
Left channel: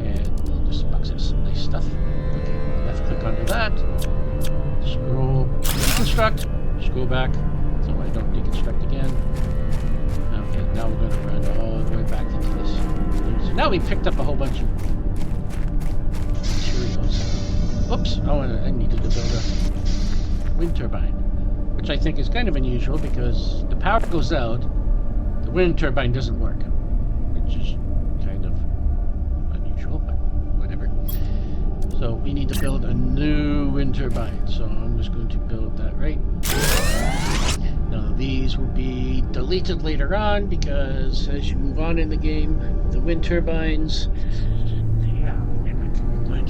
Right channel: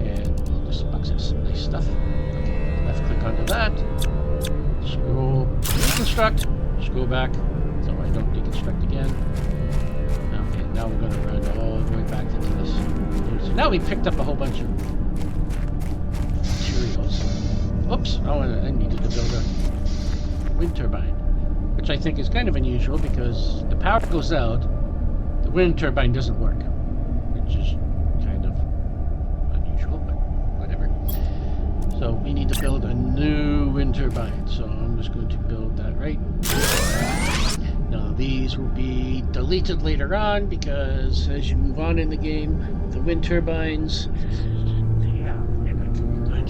And this box has some nice stuff. Okay, left click onto that. Scroll, deconstruct, scroll back so I don't deconstruct again. Okay, now we're going to run all the way back into this. So now we picked up a whole bunch of materials. Oops, I needed to build a wind turbine, which I think is kind of unusual because the power goes out, the wind turbine doesn't work, which is kind of unusual, but whatever. So we need to build a new wind turbine. So I'm just going to build that right. Now these will be deleted later on because as you move on in the game, the wind turbines, yeah, they're not very good.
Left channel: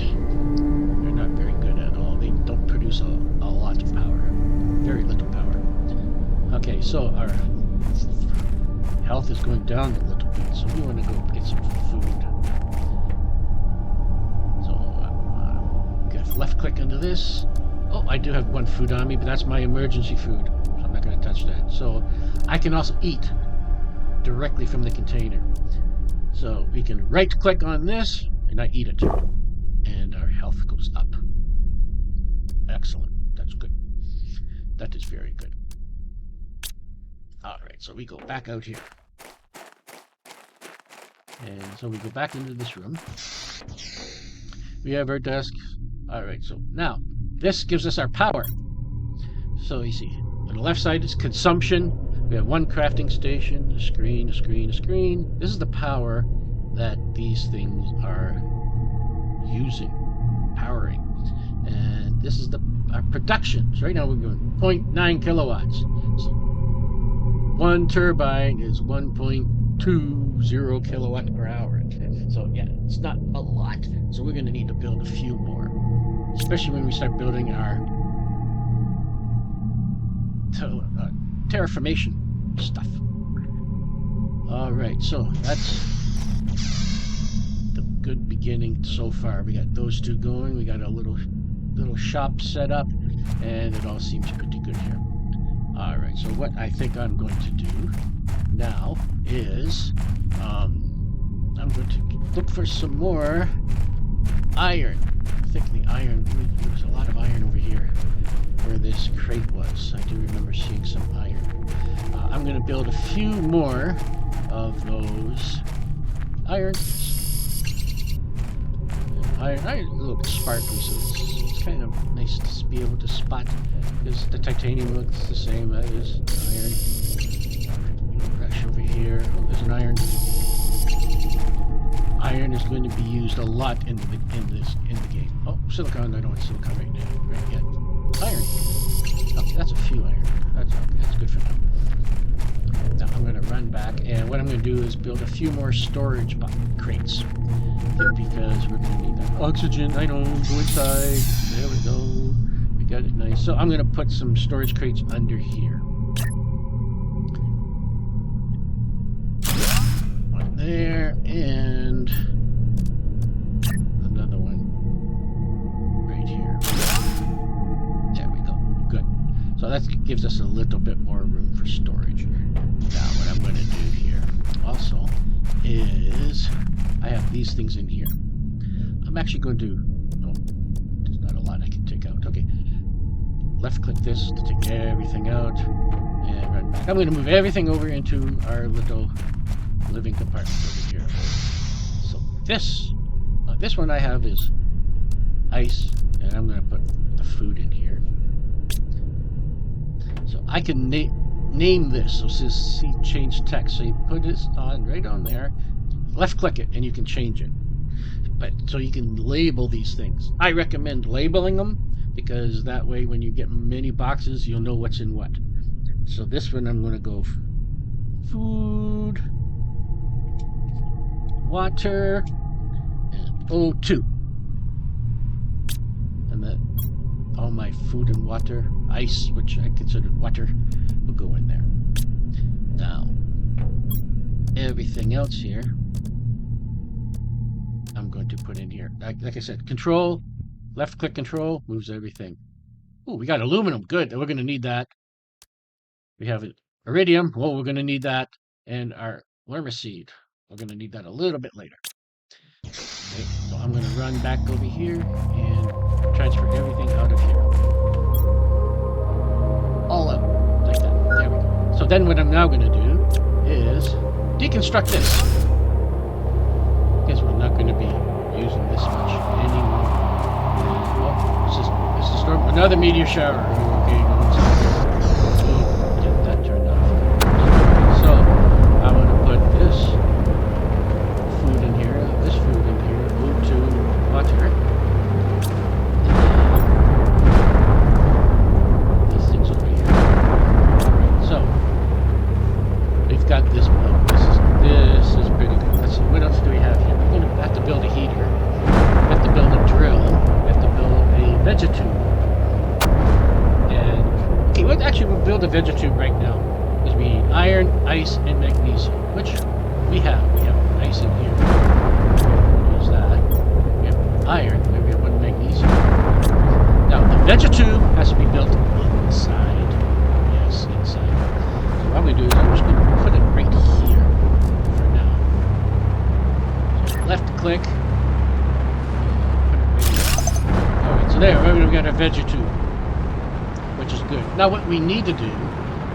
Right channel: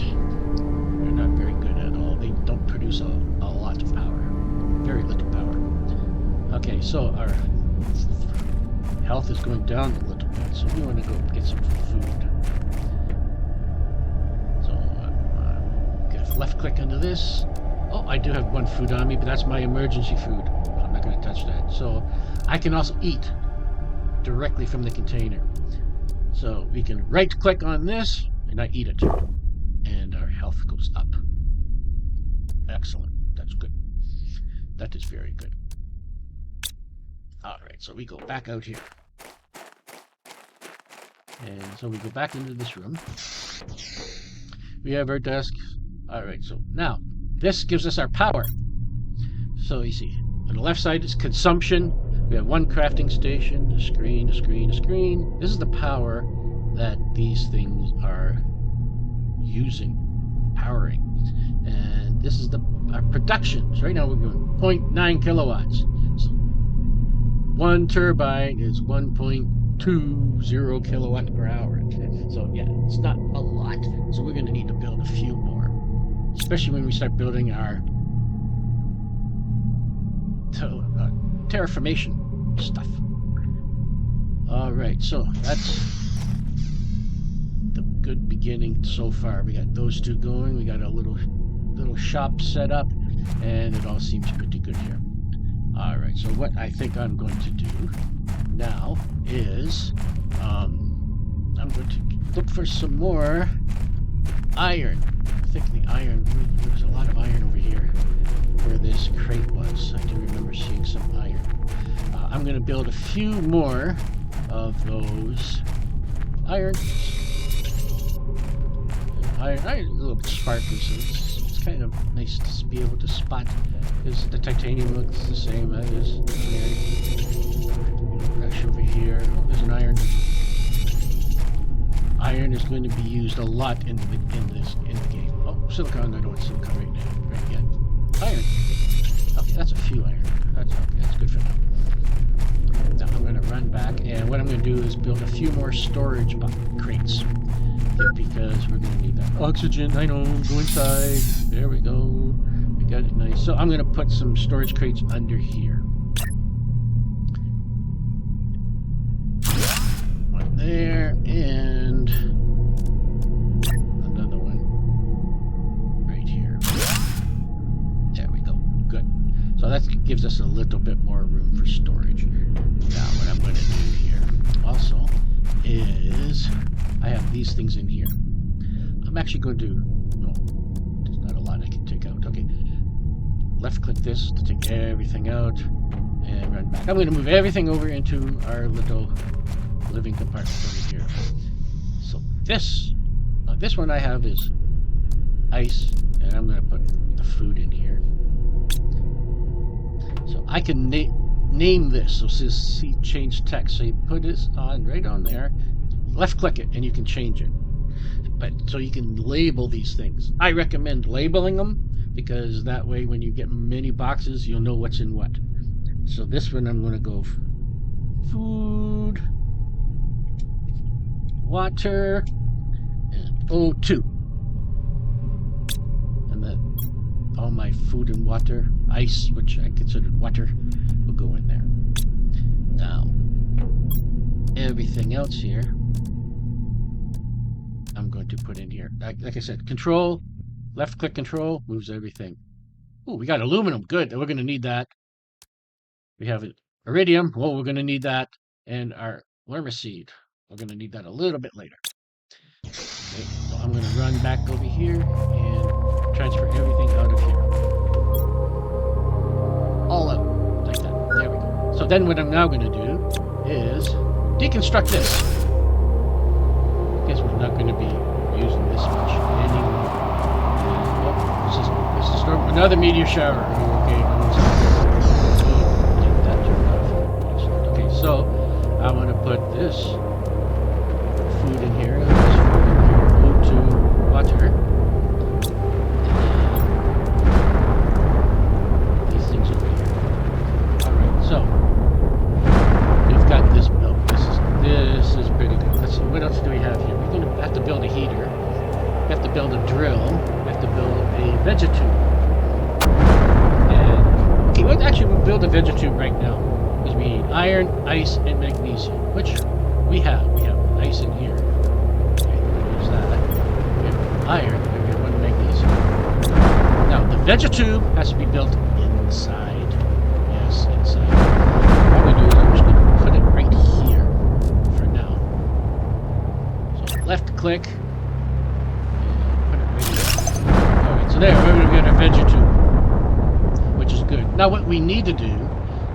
They're not very good at all. They don't produce a lot of power. Very little power. Okay, so our health is going down a little bit. So we want to go get some food. Left click into this. Oh, I do have 1 food on me, but that's my emergency food. So I'm not going to touch that. So I can also eat directly from the container. So we can right click on this and I eat it. And our health goes up. Excellent. That's good. That is very good. Alright, so we go back out here. And so we go back into this room. We have our desk. Alright, so now this gives us our power. So you see, on the left side is consumption. We have 1 crafting station, a screen, a screen, a screen. This is the power that these things are using, powering. And this is our production. So right now we're going 0.9 kilowatts. So one turbine is 1.20 kilowatt per hour. So yeah, it's not a lot. So we're going to need to build a few more, especially when we start building our terraformation stuff. All right, so that's the good beginning so far. We got those two going. We got a little shop set up, and it all seems pretty good here. All right, so what I think I'm going to do now is I'm going to look for some more iron. I think the iron, there was a lot of iron over here where this crate was. I do remember seeing some iron. I'm going to build a few more of those iron. Iron, a little bit sparkly, so it's kind of nice to be able to spot, because the titanium looks the same as iron. Brush over here. Oh, there's an iron. Iron is going to be used a lot in the game. Oh, silicon. I don't want silicon right now. Right yet. Iron. Okay, that's a few iron. That's okay. That's good for now. Now I'm going to run back, and what I'm going to do is build a few more storage crates, because we're going to need that oxygen. I know. Go inside. There we go. We got it nice. So I'm going to put some storage crates under here. One there, and another one right here. There we go. Good. So that gives us a little bit more room for storage. Now what I'm going to do here also is I have these things in here. I'm actually going to, no, there's not a lot I can take out. Okay, left click this to take everything out and run back. I'm going to move everything over into our little living compartment over here. So this one I have is ice, and I'm going to put the food in here. So I can name this. So see change text. So you put this on right on there. Left click it and you can change it. But so you can label these things. I recommend labeling them, because that way when you get many boxes, you'll know what's in what. So this one I'm going to go food, water, and O2. And that all my food and water, ice, which I considered water, will go in there. Now, everything else here, I'm going to put in here. Like I said, control, left click control, moves everything. Oh, we got aluminum. Good. We're going to need that. We have iridium. Well, we're going to need that. And our lermaseed. We're going to need that a little bit later. Okay, so I'm going to run back over here and transfer everything out of here. All out. Like that. There we go. So then what I'm now going to do is deconstruct this. Guess we're not going to be using this much anymore. Oh, this is the storm. Another meteor shower. Okay, get that turned off. Okay, so I'm going to put this food in here. This food in here. O2 water. These things over here. All right, so we've got this milk. This is pretty good. Let's see, what else do we have here? We're going to have to build a heater. We have to build a drill. We have to build a vegetube. And, okay, we'll build a vegetube right now. Because we need iron, ice, and magnesium. Which we have. We have ice in here. Okay, we'll use that. We have iron. We have one magnesium. Now, the vegetube has to be built inside. Yes, inside. What we do is I'm just going to put it right here. Left click, and put it right here. Alright, so there, we've got our vegetube, which is good. Now what we need to do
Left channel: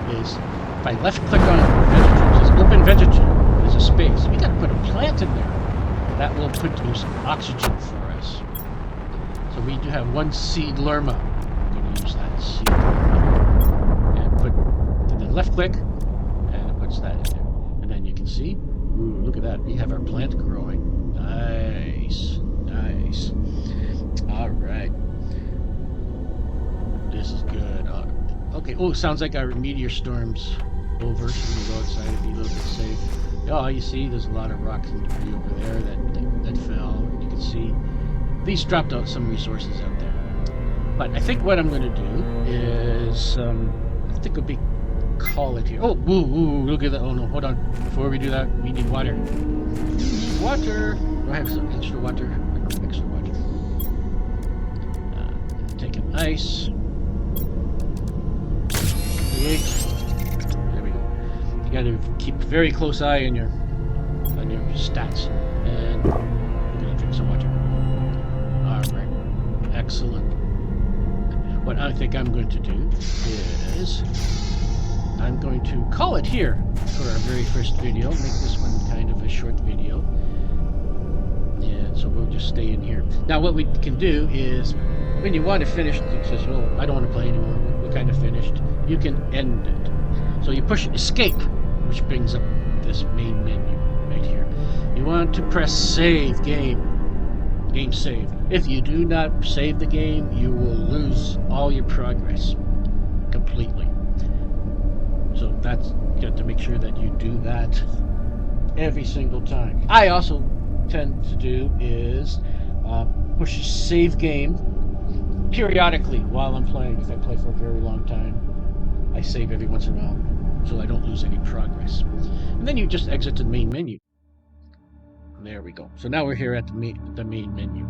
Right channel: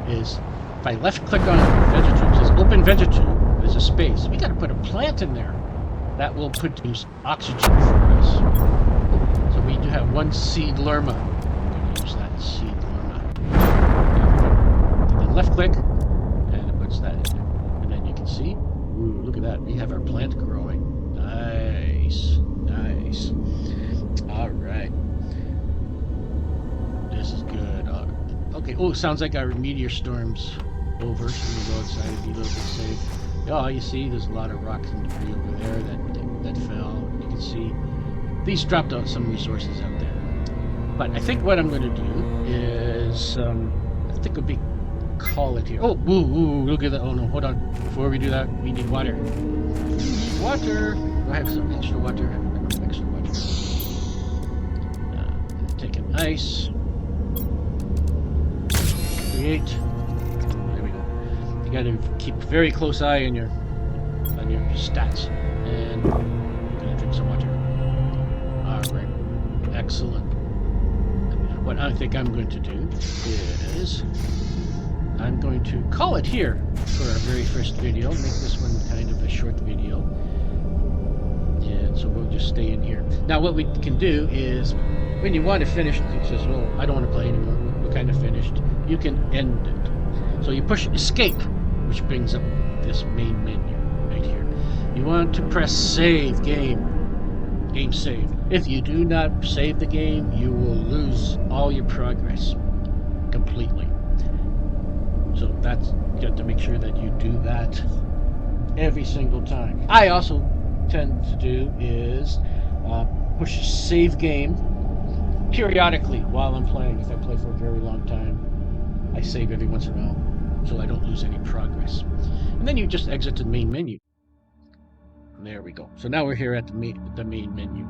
is, if I left click on vegetube, it says open vegetube, there's a space. We got to put a plant in there. That will produce oxygen for us. So we do have one seed lerma. I'm going to use that seed lerma. And then left click, and it puts that in there. And then you can see, ooh, look at that, we have our plant growing. Nice, nice. All right, this is good. Okay. Oh, sounds like our meteor storms over, so we can go outside and be a little bit safe. Oh, you see, there's a lot of rocks and debris over there that fell. You can see these dropped out some resources out there. But I think what I'm going to do is, I think it'll be call it here. Oh, woo, look at that. Oh no, hold on. Before we do that, we need water. Water. Do I have some extra water? I don't have extra water. Take an ice. Create. There we go. You got to keep a very close eye on your stats. And we're gonna drink some water. All right. Excellent. What I think I'm going to do is I'm going to call it here for our very first video. Make this one kind of a short video. And so we'll just stay in here. Now what we can do is, when you want to finish, it says, well, I don't want to play anymore. We're kind of finished. You can end it. So you push escape, which brings up this main menu right here. You want to press save game. Game save. If you do not save the game, you will lose all your progress completely. So that's, you have to make sure that you do that every single time. I also tend to do is push save game periodically while I'm playing. If I play for a very long time, I save every once in a while so I don't lose any progress. And then you just exit to the main menu. There we go. So now we're here at the main menu.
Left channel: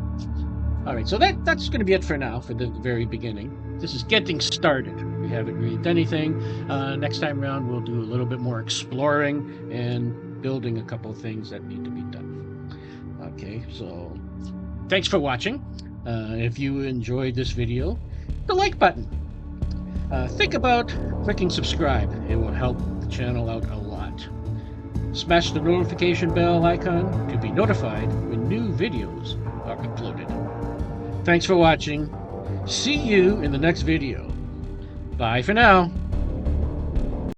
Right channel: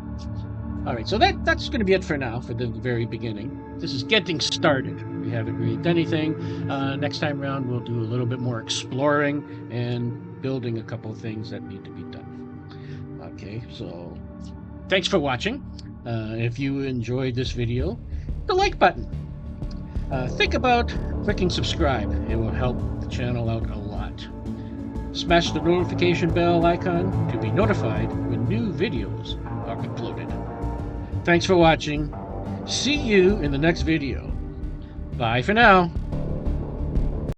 All right, so that's going to be it for now, for the very beginning. This is getting started. We haven't really done anything. Next time around, we'll do a little bit more exploring and building a couple of things that need to be done. Okay, so thanks for watching. If you enjoyed this video, hit the like button. Think about clicking subscribe. It will help the channel out a lot. Smash the notification bell icon to be notified when new videos are uploaded. Thanks for watching. See you in the next video. Bye for now.